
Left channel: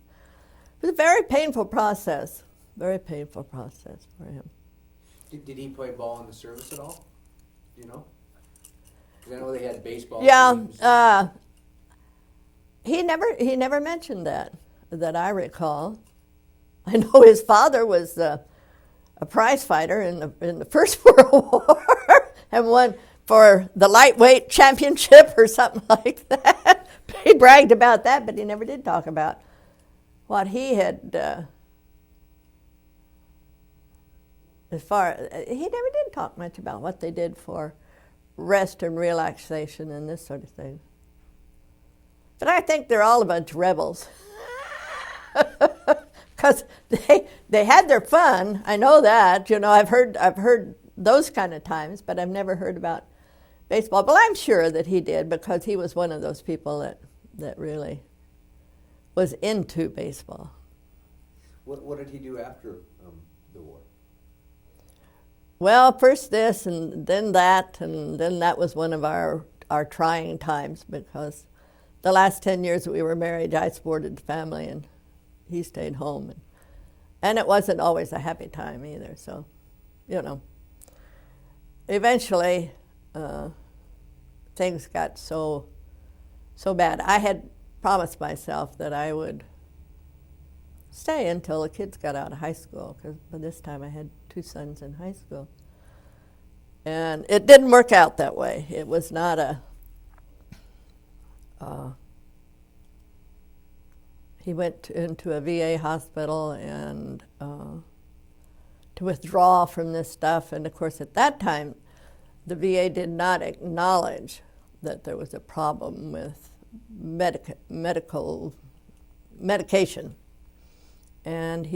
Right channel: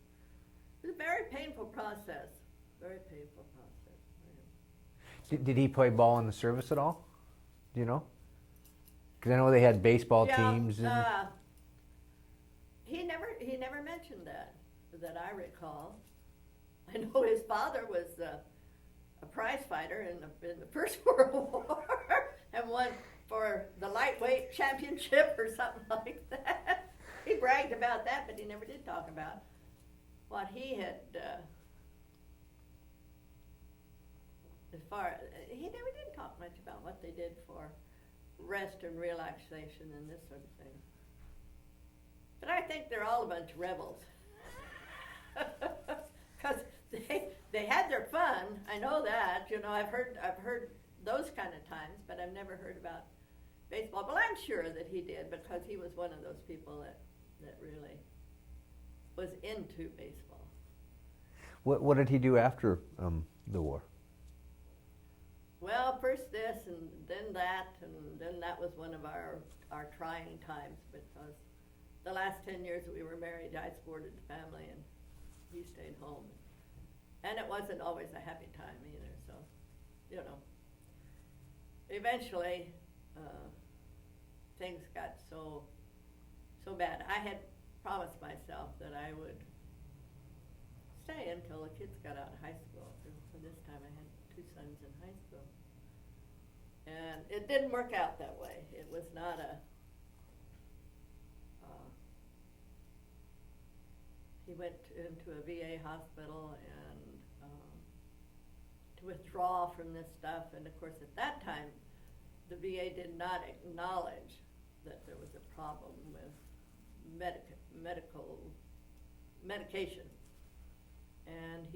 It was a very painful process for him. Did he play ball in the service at all? Do you know? Because I know they had baseball teams. Yeah, he never mentioned that I recall. I know his father was a prize fighter in the First World War and won for the lightweight championship or something like that. He bragged about that, but he never did talk about what he had. He never did talk much about what they did for rest and relaxation and this sort of thing. But I think they're all a bunch of rebels. Because they had their fun. I know that. You know, I've heard those kind of times, but I've never heard about baseball. But I'm sure that he did, because he was one of those people that really was into baseball. What did he do after the war? Well, first this, and then that was one of our trying times, because the last 10 years that we were married, I supported the family, and he stayed home. And it wasn't always a happy time either, so, you know. Eventually, things got so bad. I had promised myself that I would stay until the kids got out of high school, because by this time I had 2 sons in high school. And it didn't work out that way. It was not he went into a VA hospital and to withdraw from this stuff. And of course, at that time, the VA did not acknowledge that there was a problem with medication. And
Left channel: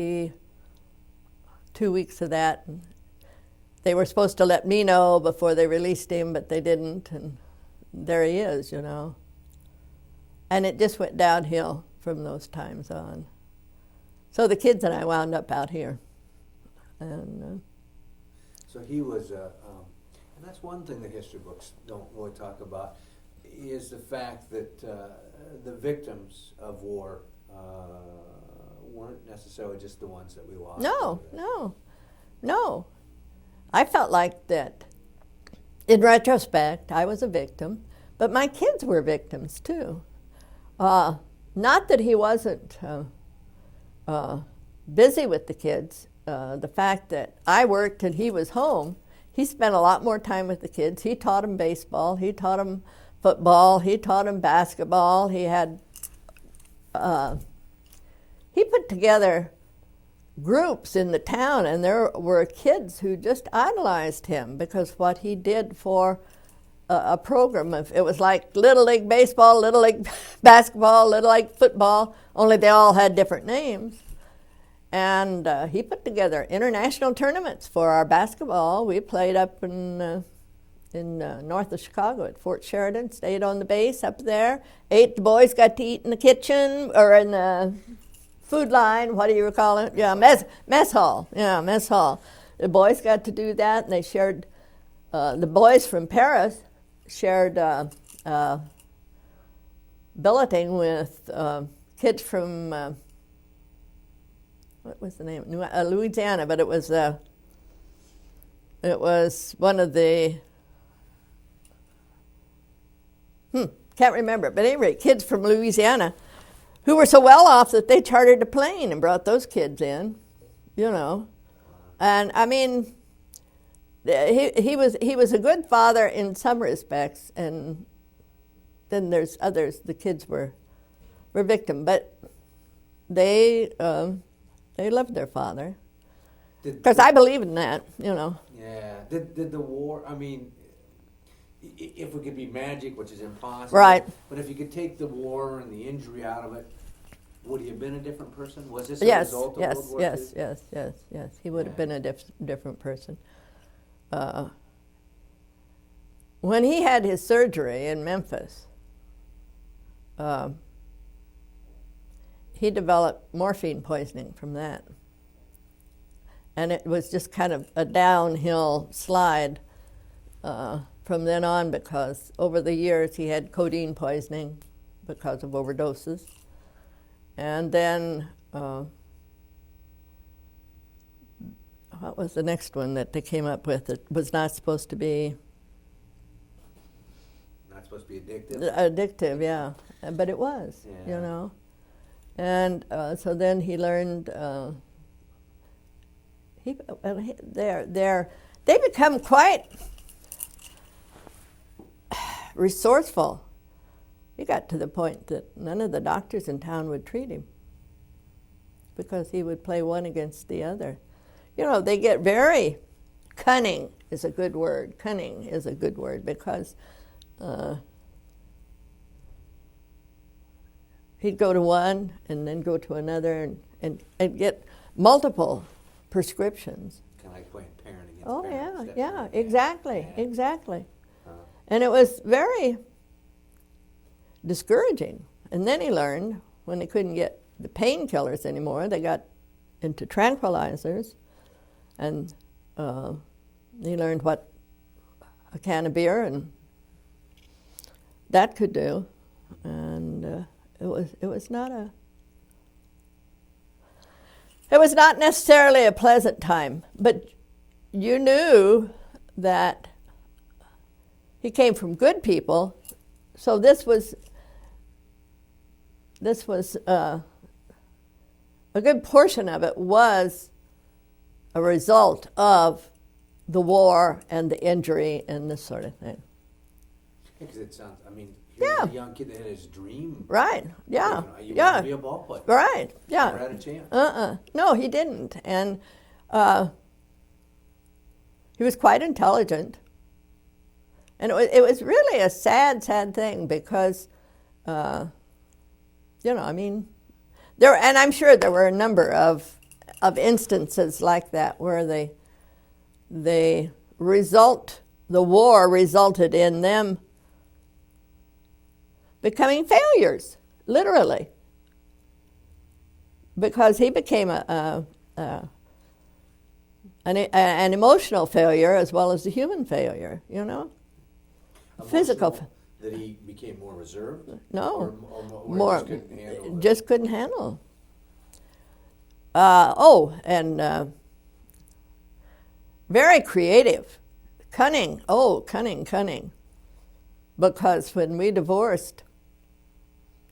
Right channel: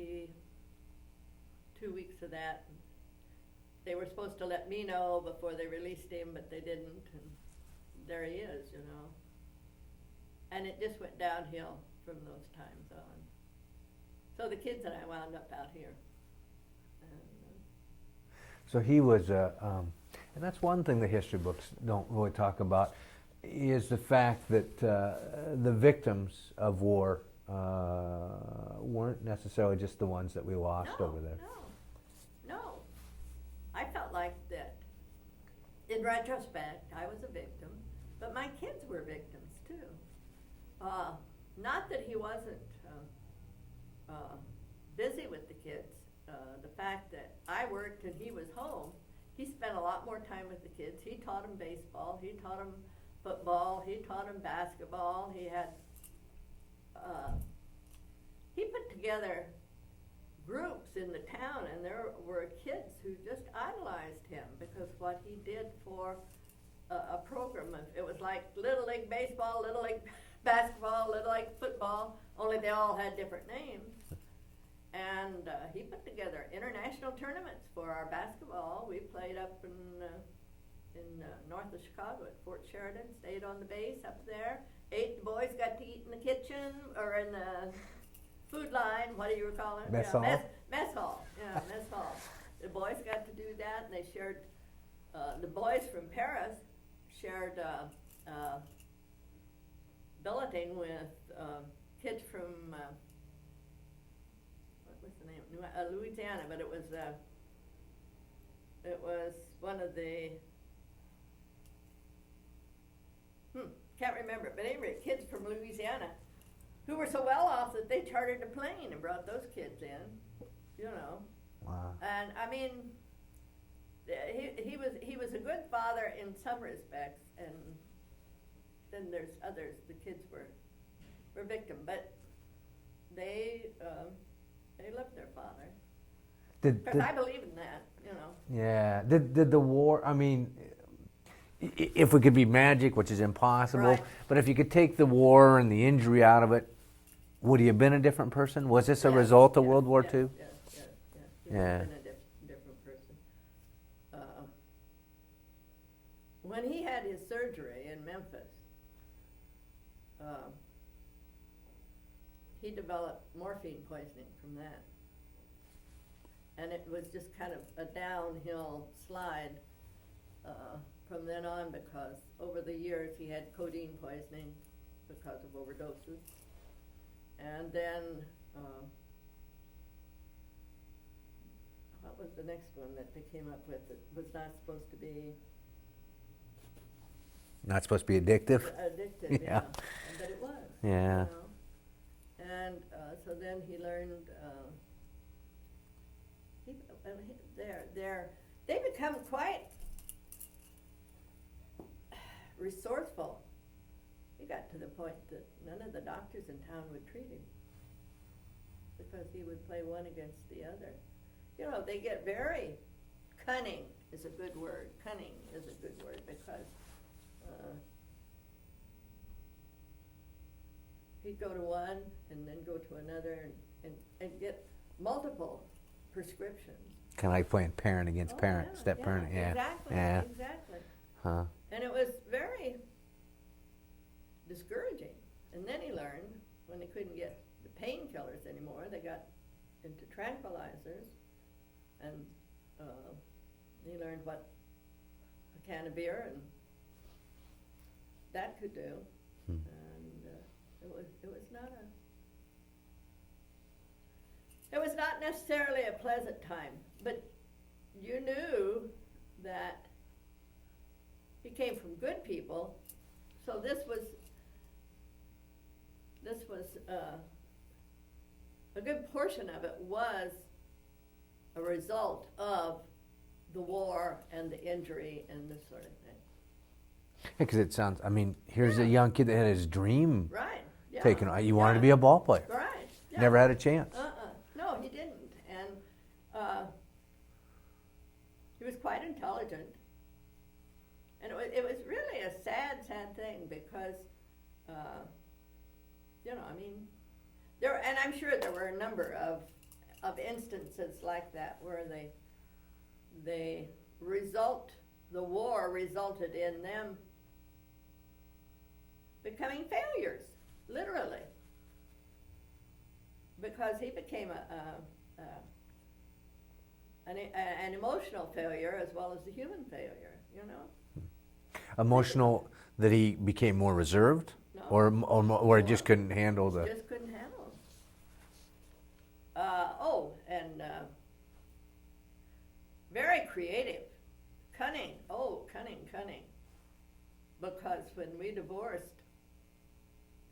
2 weeks of that, they were supposed to let me know before they released him, but they didn't, and there he is, you know. And it just went downhill from those times on. So the kids and I wound up out here. And so he was, and that's one thing the history books don't really talk about, is the fact that the victims of war weren't necessarily just the ones that we lost. No. I felt like that, in retrospect, I was a victim, but my kids were victims too. Not that he wasn't busy with the kids. The fact that I worked and he was home, he spent a lot more time with the kids. He taught them baseball, he taught them football, he taught them basketball. He put together groups in the town, and there were kids who just idolized him because what he did for a program of, it was like Little League baseball, Little League basketball, Little League football, only they all had different names. And he put together international tournaments for our basketball. We played up in north of Chicago at Fort Sheridan, stayed on the base up there, the boys got to eat in the kitchen or in the food line, what do you call it? Mess hall. Yeah, mess hall. The boys got to do that, and they shared, the boys from Paris shared billeting with kids from, what was the name? Louisiana, but it was one of the, Can't remember. But anyway, kids from Louisiana who were so well off that they chartered a plane and brought those kids in, you know. Wow. And I mean, he was a good father in some respects, and then there's others. The kids were victim, but they loved their father. Because I believe in that, you know. Yeah. Did the war? I mean, if we could be magic, which is impossible, Right. But if you could take the war and the injury out of it, would he have been a different person? Was this a Yes, result of yes, World War yes, II? Yes. He would have been a different person. When he had his surgery in Memphis, he developed morphine poisoning from that. And it was just kind of a downhill slide from then on, because over the years he had codeine poisoning because of overdoses. And then, what was the next one that they came up with that was not supposed to be? Not supposed to be addictive? Addictive, yeah. But it was, you know. And so then he learned, they become quite resourceful. He got to the point that none of the doctors in town would treat him because he would play one against the other. You know, they get very cunning is a good word. Cunning is a good word because he'd go to one and then go to another and get multiple prescriptions. Kind of like playing parent against parent, Yeah, step-parent. exactly. Huh. And it was very discouraging. And then he learned when they couldn't get the painkillers anymore, they got into tranquilizers, and he learned what a can of beer and that could do. And it was not necessarily a pleasant time, but you knew that he came from good people, so this was a good portion of it was a result of the war and the injury and this sort of thing. Because it sounds, I mean, here's a young kid that had his dream. Right, yeah. Taken, you want to be a ball player. Right, yeah. Never had a chance. No, he didn't. And he was quite intelligent. And it was really a sad thing because, you know, I mean, and I'm sure there were a number of instances like that where the war resulted in them becoming failures, literally, because he became an emotional failure as well as a human failure, you know. Emotional, that he became more reserved? No. Or he just couldn't handle the... Just couldn't handle. Very creative. Cunning. Oh, cunning. Because when we divorced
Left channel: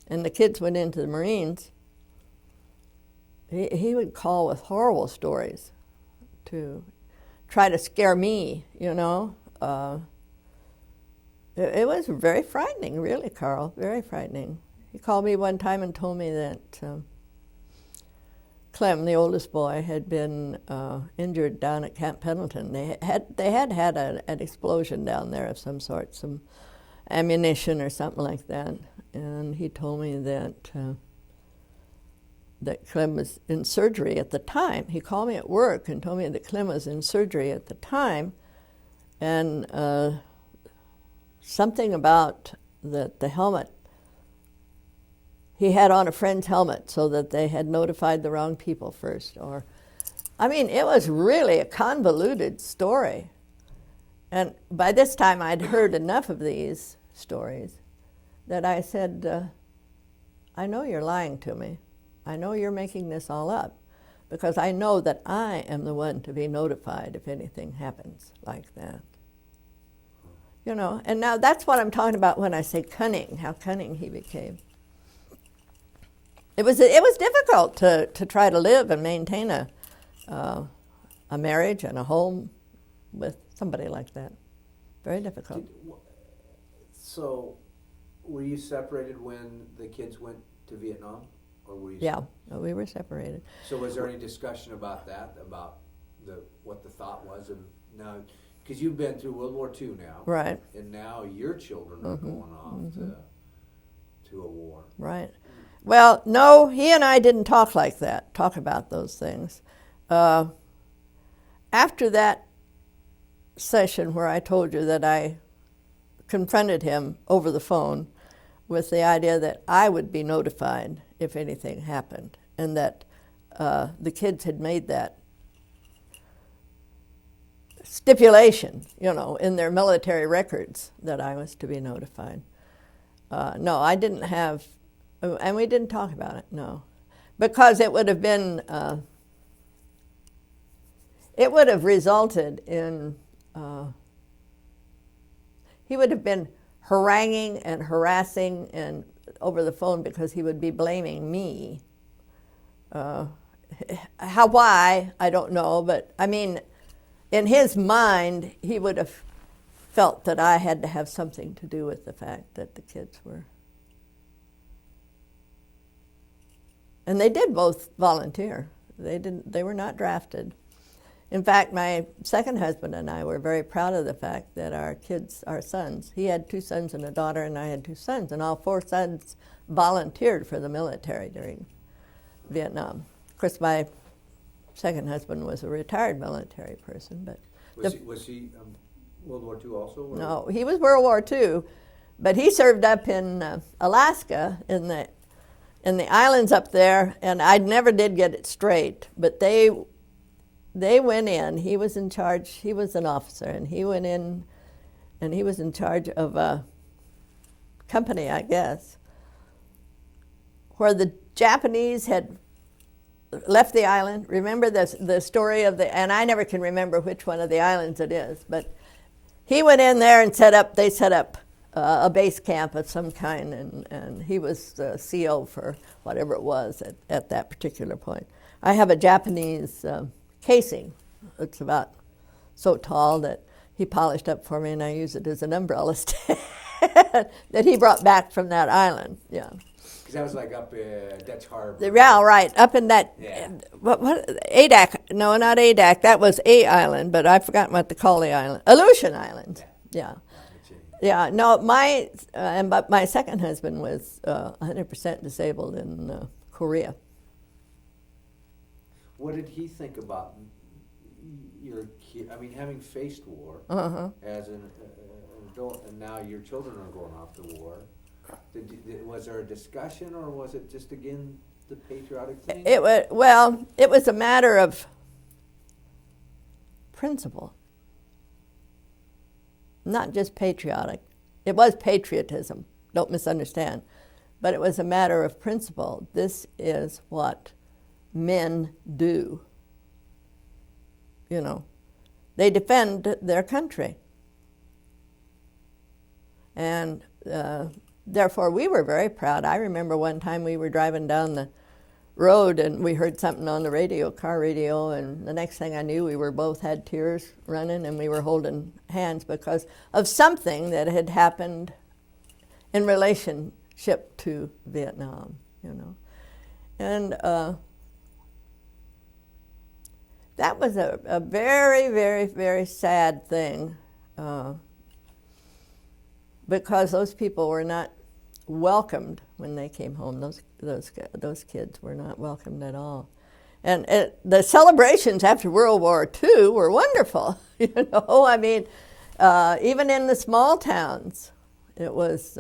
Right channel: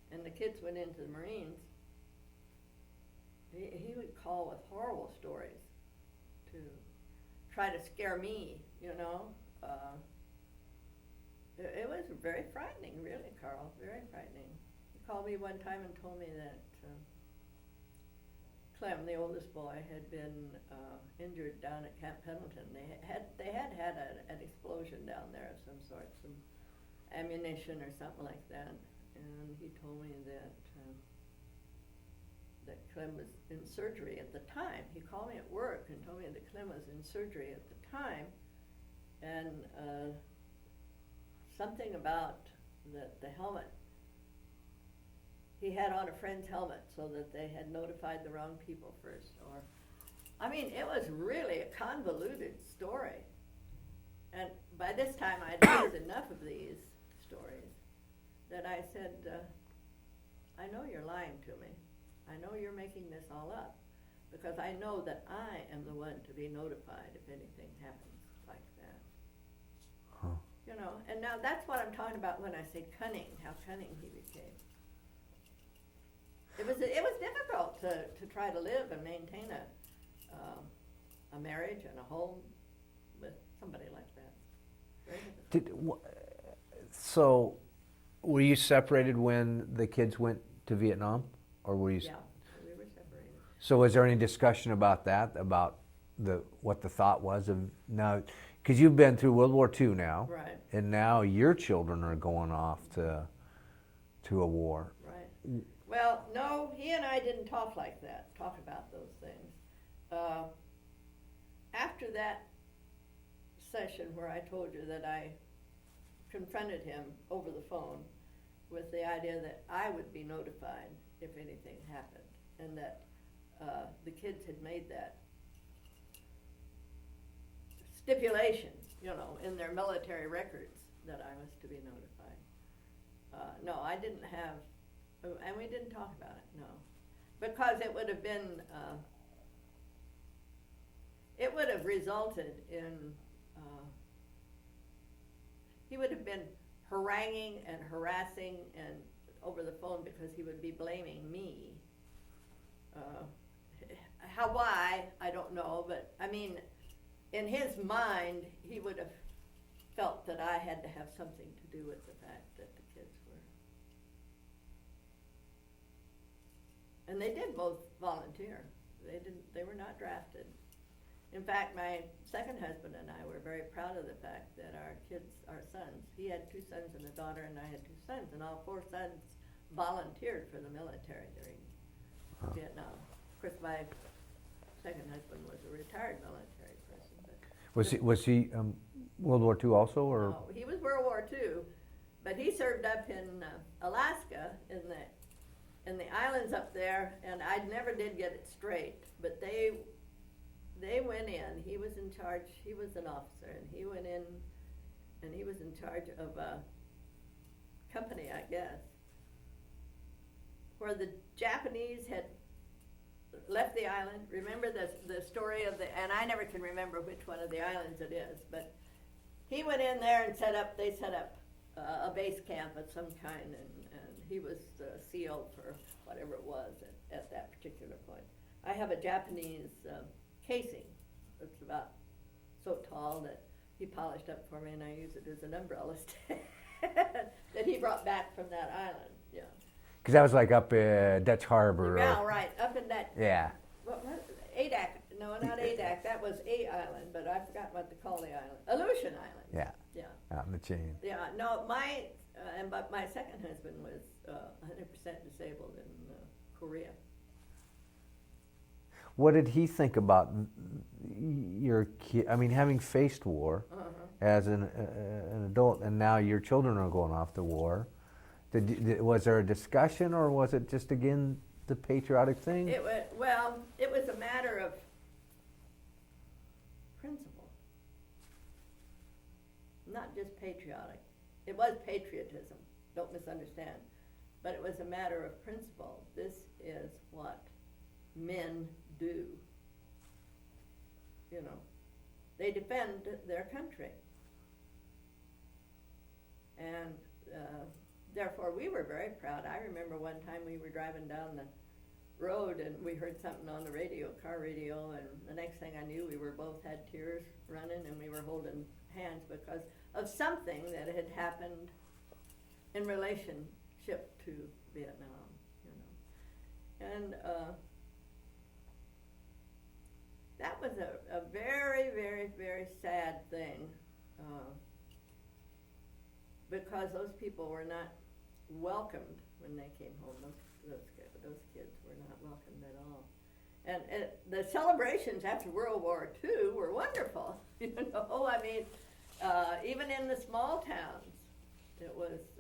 and the kids went into the Marines, he would call with horrible stories to try to scare me, you know. It was very frightening, really, Carl, very frightening. He called me one time and told me that Clem, the oldest boy, had been injured down at Camp Pendleton. They had an explosion down there of some sort, some ammunition or something like that. And he told me that Clem was in surgery at the time. He called me at work and told me that Clem was in surgery at the time, and something about the helmet. He had on a friend's helmet so that they had notified the wrong people first. I mean, it was really a convoluted story. And by this time, I'd heard enough of these stories that I said, I know you're lying to me. I know you're making this all up, because I know that I am the one to be notified if anything happens like that. You know, and now that's what I'm talking about when I say cunning, how cunning he became. It was difficult to try to live and maintain a marriage and a home with somebody like that. Very difficult. So, were you separated when the kids went to Vietnam, or were you? Yeah, we were separated. So, was there any discussion about that, about what the thought was of now? Because you've been through World War II now, Right. And now your children are going off to a war, right? Well, no, he and I didn't talk about those things. After that session where I told you that I confronted him over the phone with the idea that I would be notified if anything happened, and that the kids had made that stipulation, you know, in their military records that I was to be notified. No, I didn't have, and we didn't talk about it, no. Because it would have been, it would have resulted in, he would have been haranguing and harassing and over the phone because he would be blaming me. Why, I don't know, but I mean, in his mind, he would have felt that I had to have something to do with the fact that the kids were. And they did both volunteer. They were not drafted. In fact, my second husband and I were very proud of the fact that our kids, our sons, he had 2 sons and a daughter, and I had 2 sons, and all 4 sons volunteered for the military during Vietnam. Of course, my second husband was a retired military person, but was he World War II also? Or? No, he was World War II, but he served up in Alaska in the islands up there, and I never did get it straight. But they went in. He was in charge. He was an officer, and he went in, and he was in charge of a company, I guess, where the Japanese had left the island. Remember the story of and I never can remember which one of the islands it is, but he went in there and they set up a base camp of some kind, and he was the CO for whatever it was at that particular point. I have a Japanese casing. It's about so tall that he polished up for me, and I use it as an umbrella stand that he brought back from that island, yeah. Because that was like up in Dutch Harbor. Yeah, right, up in that, yeah. What Adak, no, not Adak, that was a island, but I've forgotten what to call the island. Aleutian Islands. Yeah. Yeah. Out in the chain. Yeah, no, but my second husband was 100% disabled in Korea. What did he think about your kid? I mean, having faced war as an adult, and now your children are going off to war. Was there a discussion, or was it just again the patriotic thing? It was a matter of principle, not just patriotic. It was patriotism. Don't misunderstand, but it was a matter of principle. This is what men do. You know, they defend their country, and therefore we were very proud. I remember one time we were driving down the road and we heard something on the radio, car radio, and the next thing I knew we both had tears running, and we were holding hands because of something that had happened in relationship to Vietnam, you know. And that was a very, very, very sad thing because those people were not welcomed when they came home. Those kids were not welcomed at all. And the celebrations after World War II were wonderful. You know, I mean, even in the small towns, it was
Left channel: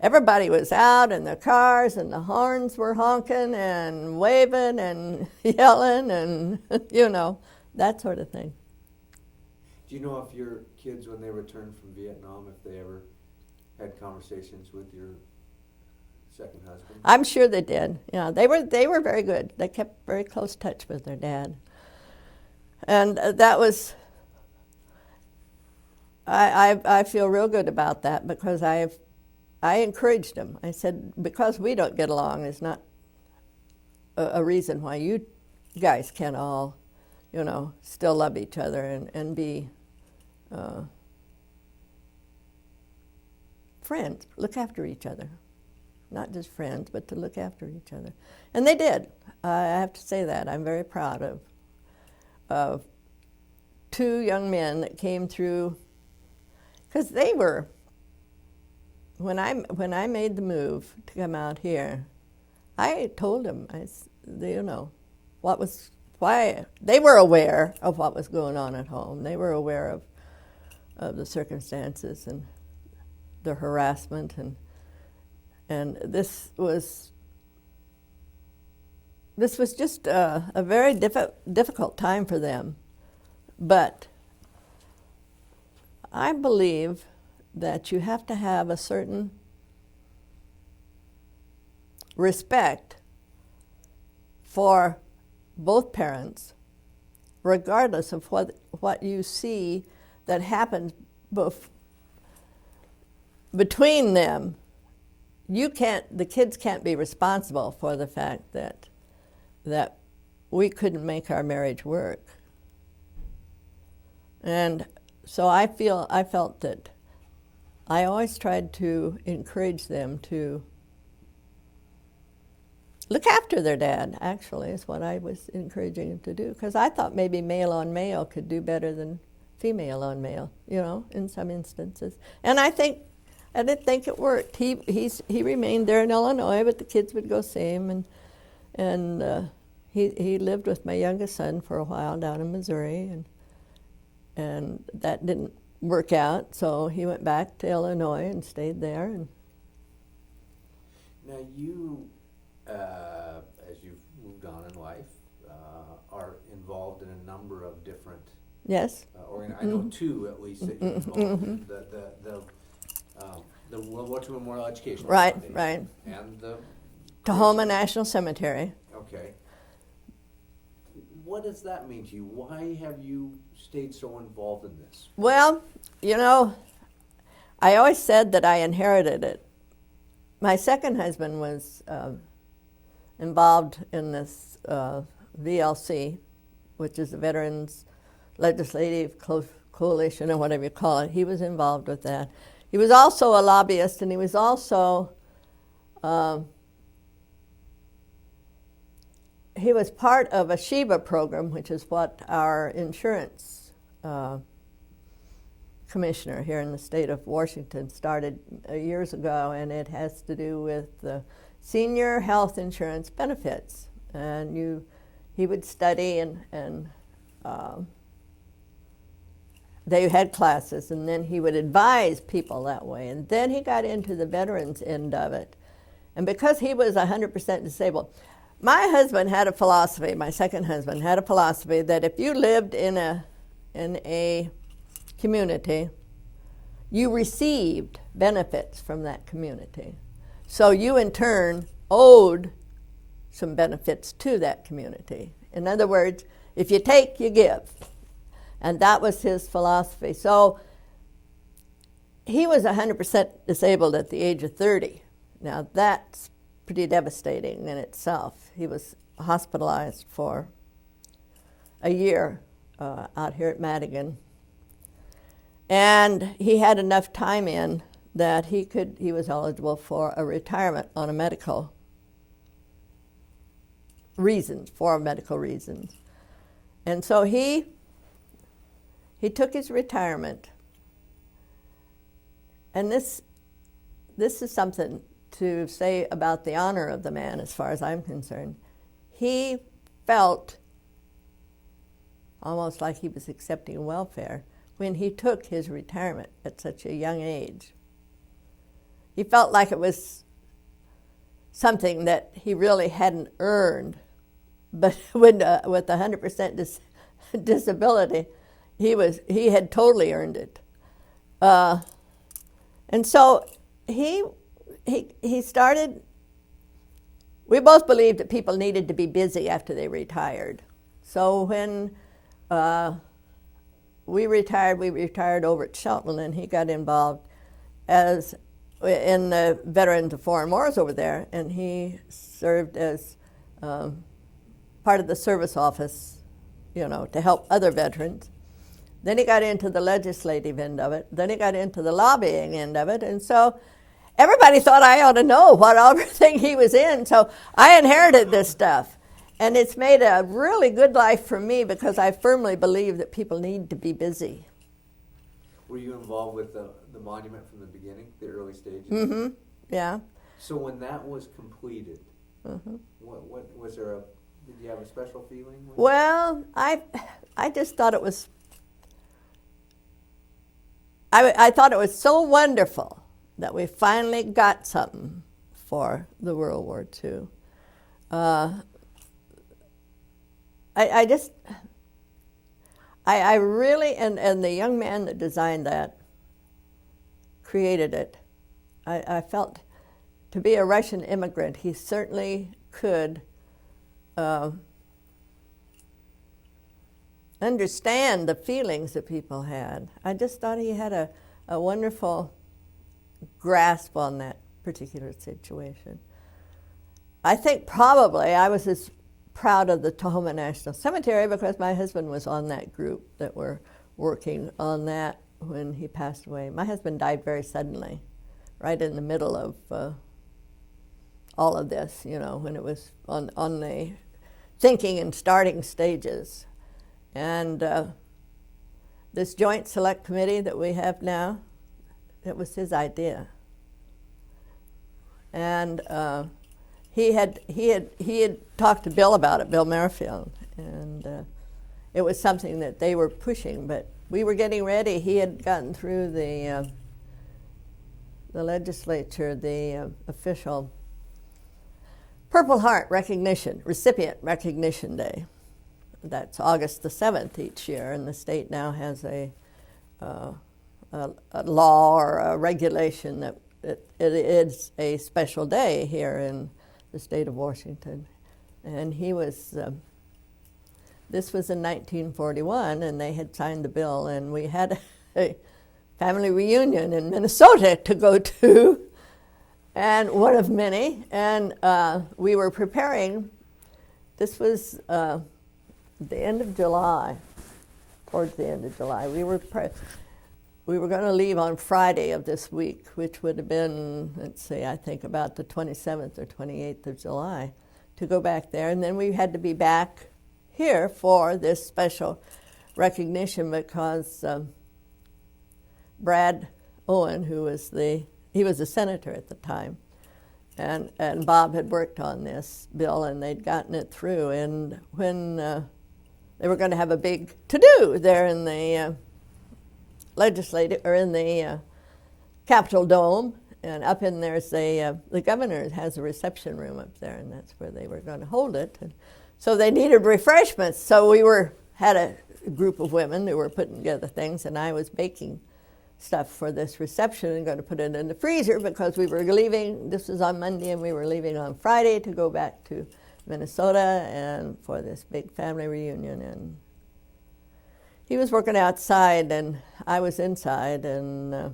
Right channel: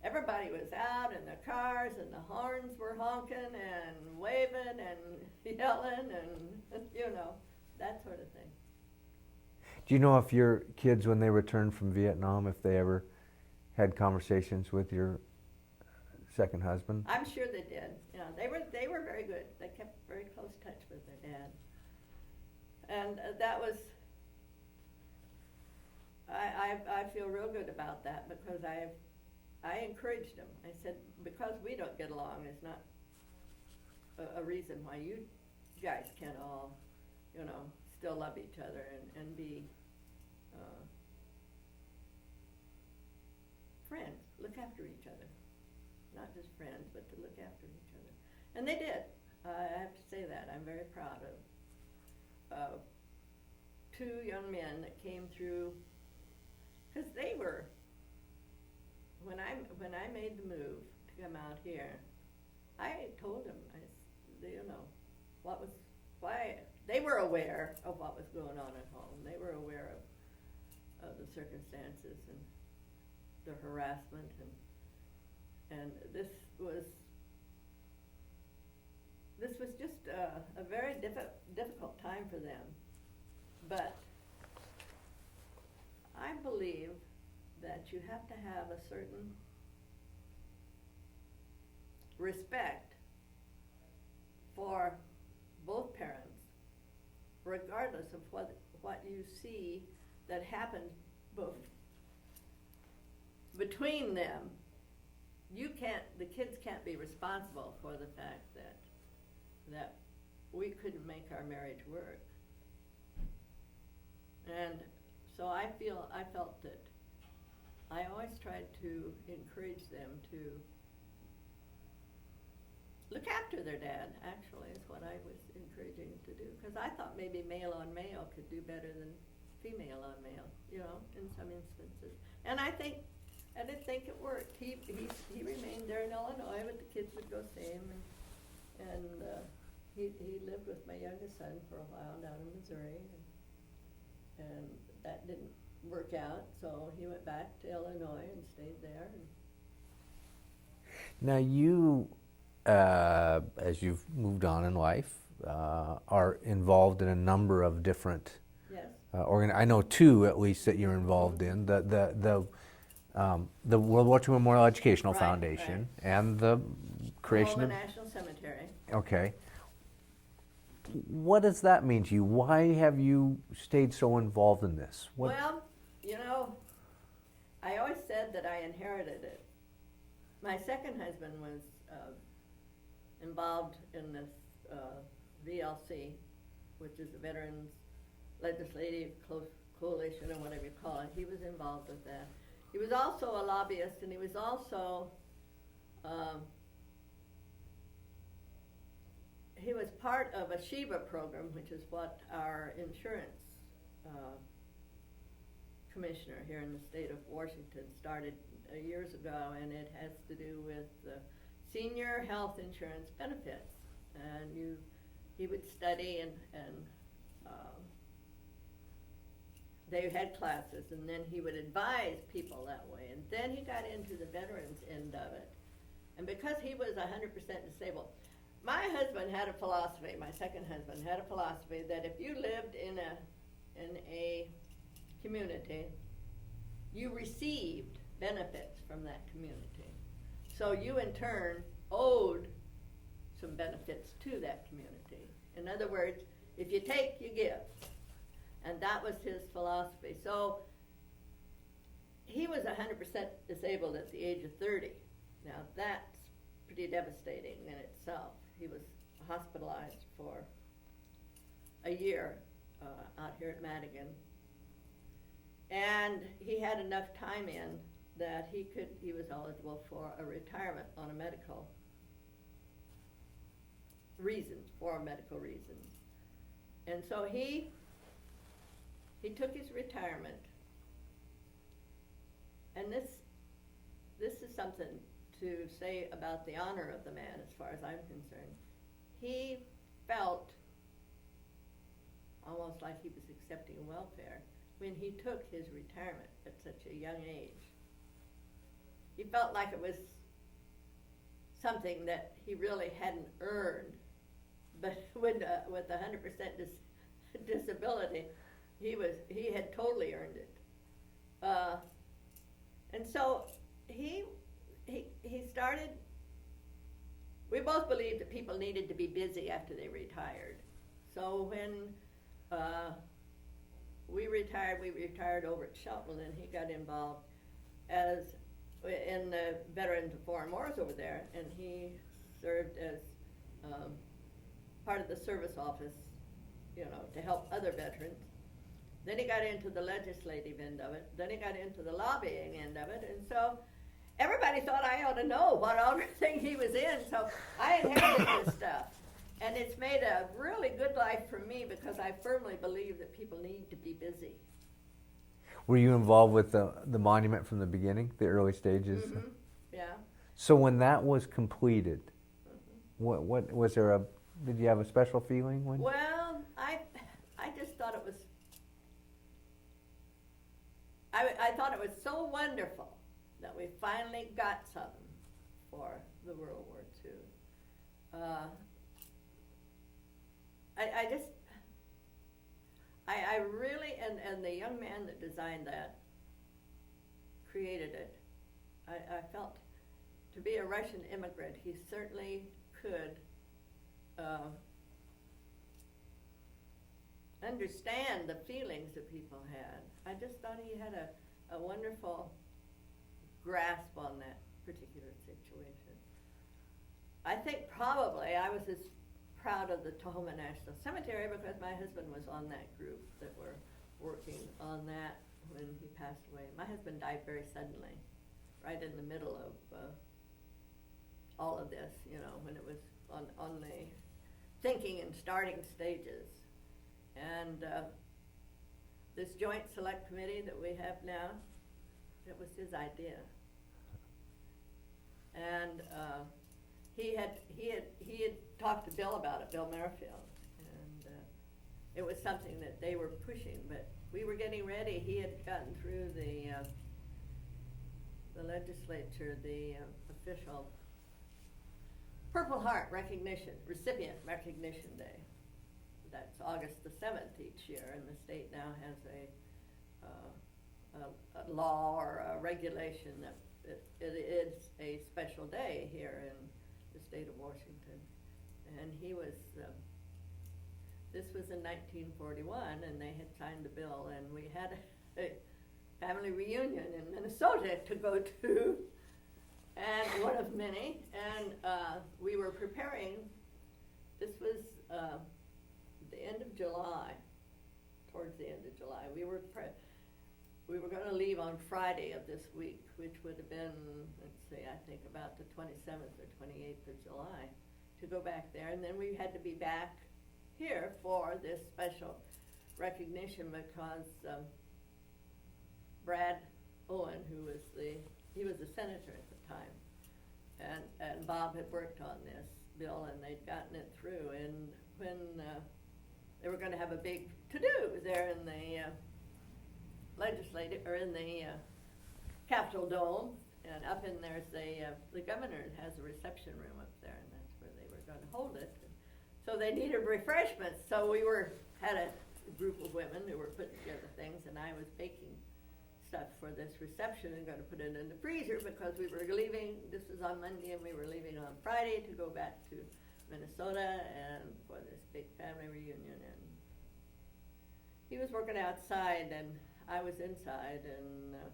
everybody was out in their cars, and the horns were honking and waving and yelling, and you know, that sort of thing. Do you know if your kids, when they returned from Vietnam, if they ever had conversations with your second husband? I'm sure they did. Yeah, they were very good. They kept very close touch with their dad, and that was. I feel real good about that because I encouraged him. I said, because we don't get along is not a reason why you guys can't all, still love each other and be friends, look after each other. Not just friends, but to look after each other. And they did. I have to say that. I'm very proud of two young men that came through, because they were, when I made the move to come out here, I told them, why they were aware of what was going on at home. They were aware of the circumstances and the harassment, and this was just a very difficult time for them. But I believe that you have to have a certain respect for both parents, regardless of what you see that happens between them. The kids can't be responsible for the fact that we couldn't make our marriage work. And so I felt that I always tried to encourage them to look after their dad, actually, is what I was encouraging them to do. Because I thought maybe male on male could do better than female on male, in some instances. And I didn't think it worked. He remained there in Illinois, but the kids would go see him, and he lived with my youngest son for a while down in Missouri, and that didn't work out, so he went back to Illinois and stayed there. And now you, as you've moved on in life, are involved in a number of different. Yes. I know two at least that you're involved in. The World War II Memorial Educational Foundation, right. And the Tahoma National Cemetery. Okay. What does that mean to you? Why have you stayed so involved in this? Well, I always said that I inherited it. My second husband was involved in this VLC, which is the Veterans Legislative Coalition, or whatever you call it. He was involved with that. He was also a lobbyist, and he was also he was part of a SHIVA program, which is what our insurance commissioner here in the state of Washington started years ago, and it has to do with the senior health insurance benefits. And he would study, and they had classes, and then he would advise people that way. And then he got into the veterans end of it. And because he was 100% disabled, my husband had a philosophy, my second husband had a philosophy that if you lived in a community, you received benefits from that community. So you in turn owed some benefits to that community. In other words, if you take, you give. And that was his philosophy. So he was 100% disabled at the age of 30. Now that's pretty devastating in itself. He was hospitalized for a year out here at Madigan. And he had enough time in that he was eligible for a retirement on a medical reasons, for medical reasons. And so he took his retirement. And this is something to say about the honor of the man as far as I'm concerned. He felt almost like he was accepting welfare when he took his retirement at such a young age. He felt like it was something that he really hadn't earned, but with 100% disability, he had totally earned it. And so he started, we both believed that people needed to be busy after they retired. So when we retired over at Shelton, and he got involved in the Veterans of Foreign Wars over there, and he served as part of the service office, to help other veterans. Then he got into the legislative end of it. Then he got into the lobbying end of it, and so everybody thought I ought to know what everything he was in, so I inherited this stuff. And it's made a really good life for me because I firmly believe that people need to be busy. Were you involved with the monument from the beginning, the early stages? Mm-hmm. Yeah. So when that was completed, what was there did you have a special feeling? Well, I just thought it was, I thought it was so wonderful that we finally got something for the World War II. I really, and the young man that designed that, created it, I felt, to be a Russian immigrant, he certainly could understand the feelings that people had. I just thought he had a wonderful grasp on that particular situation. I think probably I was as proud of the Tahoma National Cemetery because my husband was on that group that were working on that when he passed away. My husband died very suddenly, right in the middle of all of this, when it was on the thinking and starting stages. And this joint select committee that we have now, it was his idea. And he had talked to Bill about it, Bill Merrifield, and it was something that they were pushing, but we were getting ready. He had gotten through the legislature, the official Purple Heart recognition, recipient recognition day. That's August the 7th each year, and the state now has a law or a regulation that it is a special day here in the state of Washington. And he was, this was in 1941, and they had signed the bill, and we had a family reunion in Minnesota to go to, and one of many, and we were preparing. This was the end of July, towards the end of July. We were going to leave on Friday of this week, which would have been, let's see, I think about the 27th or 28th of July, to go back there. And then we had to be back here for this special recognition because Brad Owen, he was a senator at the time, and Bob had worked on this bill, and they'd gotten it through. And when they were going to have a big to-do there in the legislative, or in the Capitol Dome, and up in there's the governor has a reception room up there, and that's where they were going to hold it. And so they needed refreshments, so we had a group of women who were putting together things, and I was baking stuff for this reception and going to put it in the freezer because we were leaving. This was on Monday, and we were leaving on Friday to go back to Minnesota and for this big family reunion. And he was working outside, and I was inside and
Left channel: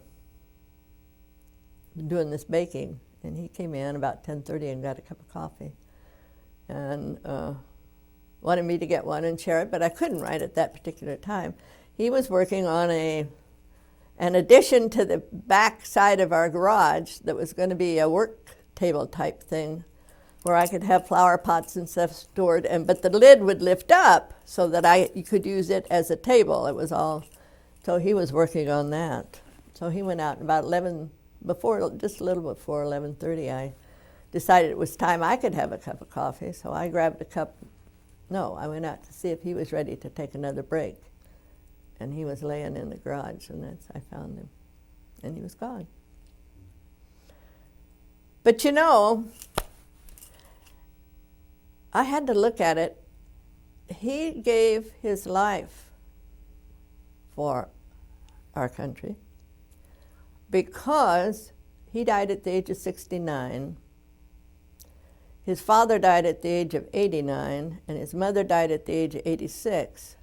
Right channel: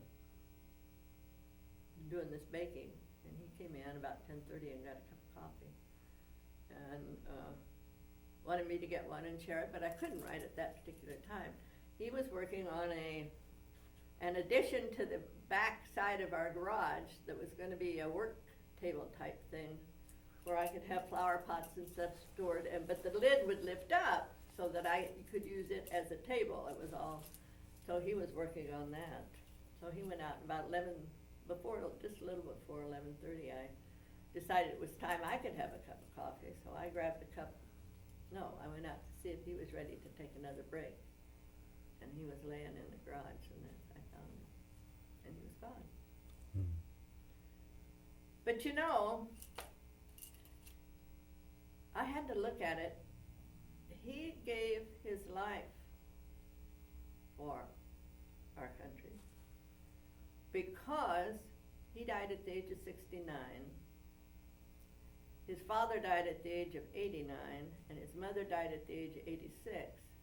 doing this baking. And he came in about 10:30 and got a cup of coffee, and wanted me to get one and share it, but I couldn't right at that particular time. He was working on an addition to the back side of our garage that was going to be a work table type thing where I could have flower pots and stuff stored, but the lid would lift up so that you could use it as a table. It was all, so he was working on that. So he went out about just a little before 11:30, I decided it was time I could have a cup of coffee, so I grabbed a cup. No, I went out to see if he was ready to take another break. And he was laying in the garage, and I found him, and he was gone. But I had to look at it. He gave his life for our country because he died at the age of 69. His father died at the age of 89, and his mother died at the age of 86.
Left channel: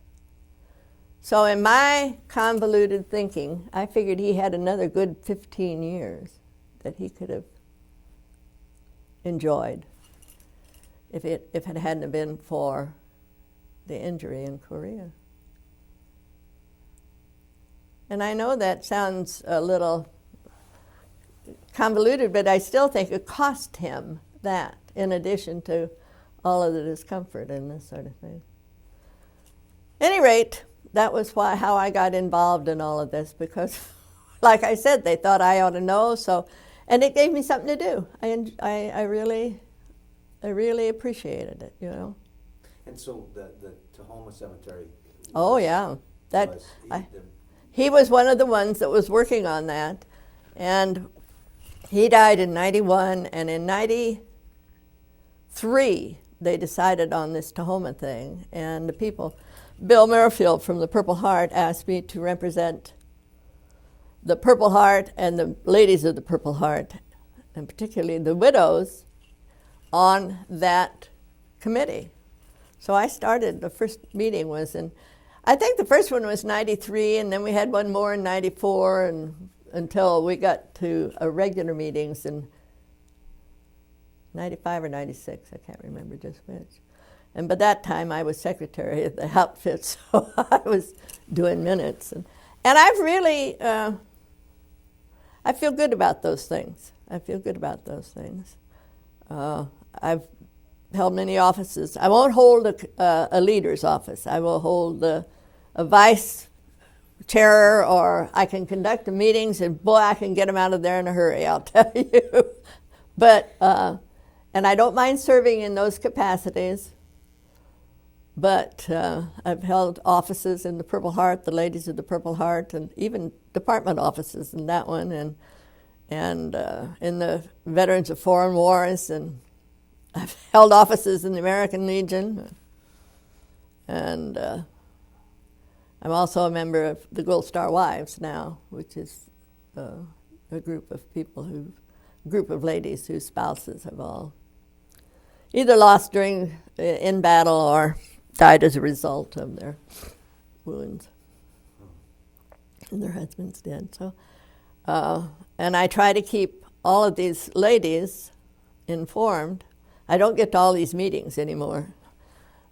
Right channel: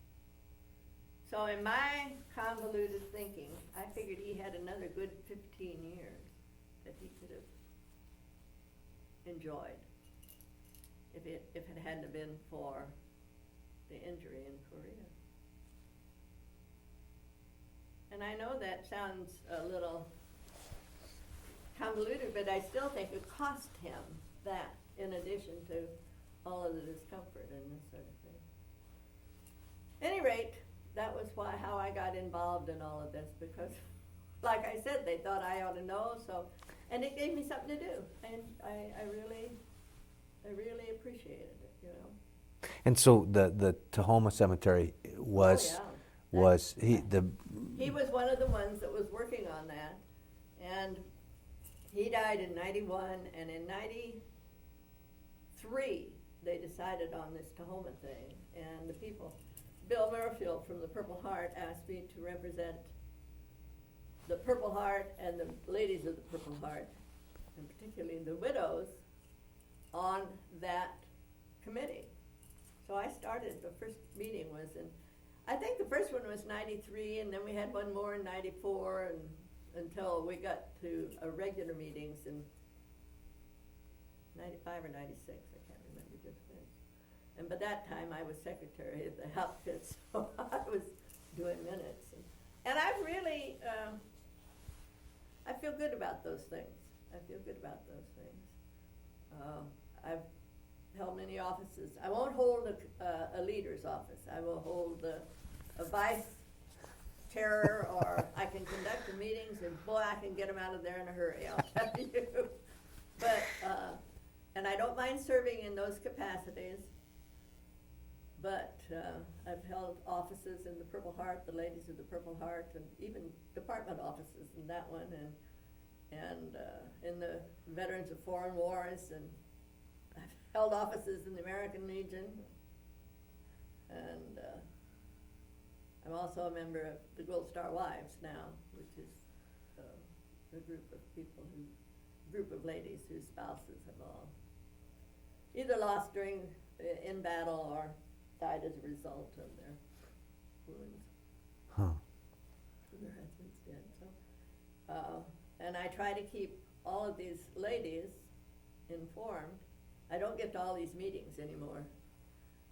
So in my convoluted thinking, I figured he had another good 15 years that he could have enjoyed if it hadn't been for the injury in Korea. And I know that sounds a little convoluted, but I still think it cost him that, in addition to all of the discomfort and this sort of thing. At any rate, that was how I got involved in all of this, because, like I said, they thought I ought to know, and it gave me something to do. I really appreciated it, you know. And so the Tahoma Cemetery was... Oh, yeah. He was one of the ones that was working on that, and he died in 91, and in 93, they decided on this Tahoma thing, and the people, Bill Merrifield from the Purple Heart asked me to represent the Purple Heart and the ladies of the Purple Heart, and particularly the widows, on that committee. So I started, the first meeting was in, I think the first one was 93, and then we had one more in 94, and until we got to regular meetings in 95 or 96, I can't remember just which. And by that time I was secretary of the outfit, so I was doing minutes. And I've really, I feel good about those things. I feel good about those things. I've held many offices. I won't hold a leader's office. I will hold a vice chair, or I can conduct the meetings, and boy, I can get them out of there in a hurry, I'll tell you. But, and I don't mind serving in those capacities, but I've held offices in the Purple Heart, the ladies of the Purple Heart, and even department offices in that one, and in the Veterans of Foreign Wars, and I've held offices in the American Legion, and I'm also a member of the Gold Star Wives now, which is a group of people group of ladies whose spouses have all either lost in battle or died as a result of their wounds. Huh. And their husbands did. So, and I try to keep all of these ladies informed. I don't get to all these meetings anymore,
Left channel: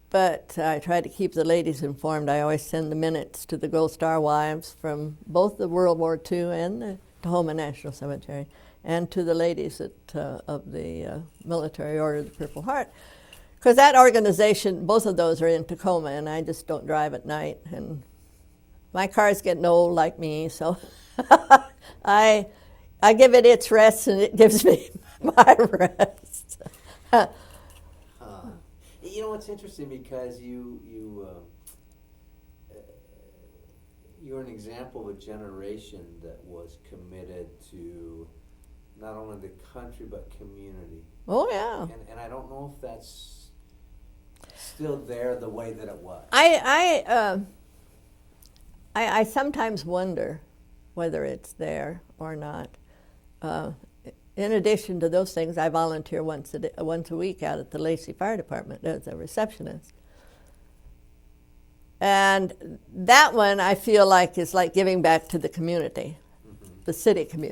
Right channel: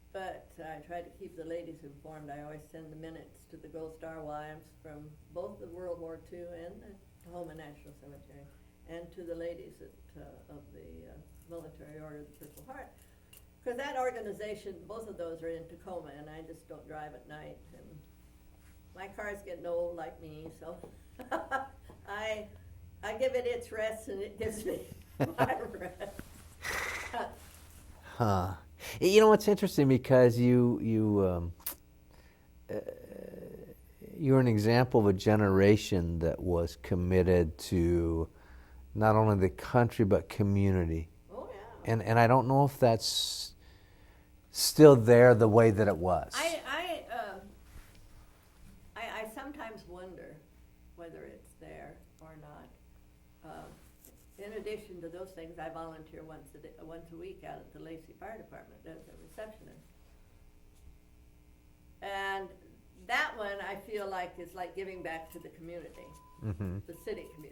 but I try to keep the ladies informed. I always send the minutes to the Gold Star Wives from both the World War II and the Tahoma National Cemetery, and to the ladies of the Military Order of the Purple Heart. Because that organization, both of those are in Tacoma, and I just don't drive at night. And my car's getting old like me, so I give it its rest, and it gives me my rest. Huh. You know, it's interesting because you're an example of a generation that was committed to not only the country but community. Oh, yeah. And I don't know if that's still there the way that it was. I sometimes wonder whether it's there or not. In addition to those things, I volunteer once a week out at the Lacey Fire Department as a receptionist. And that one I feel like is like giving back to the community, the city community.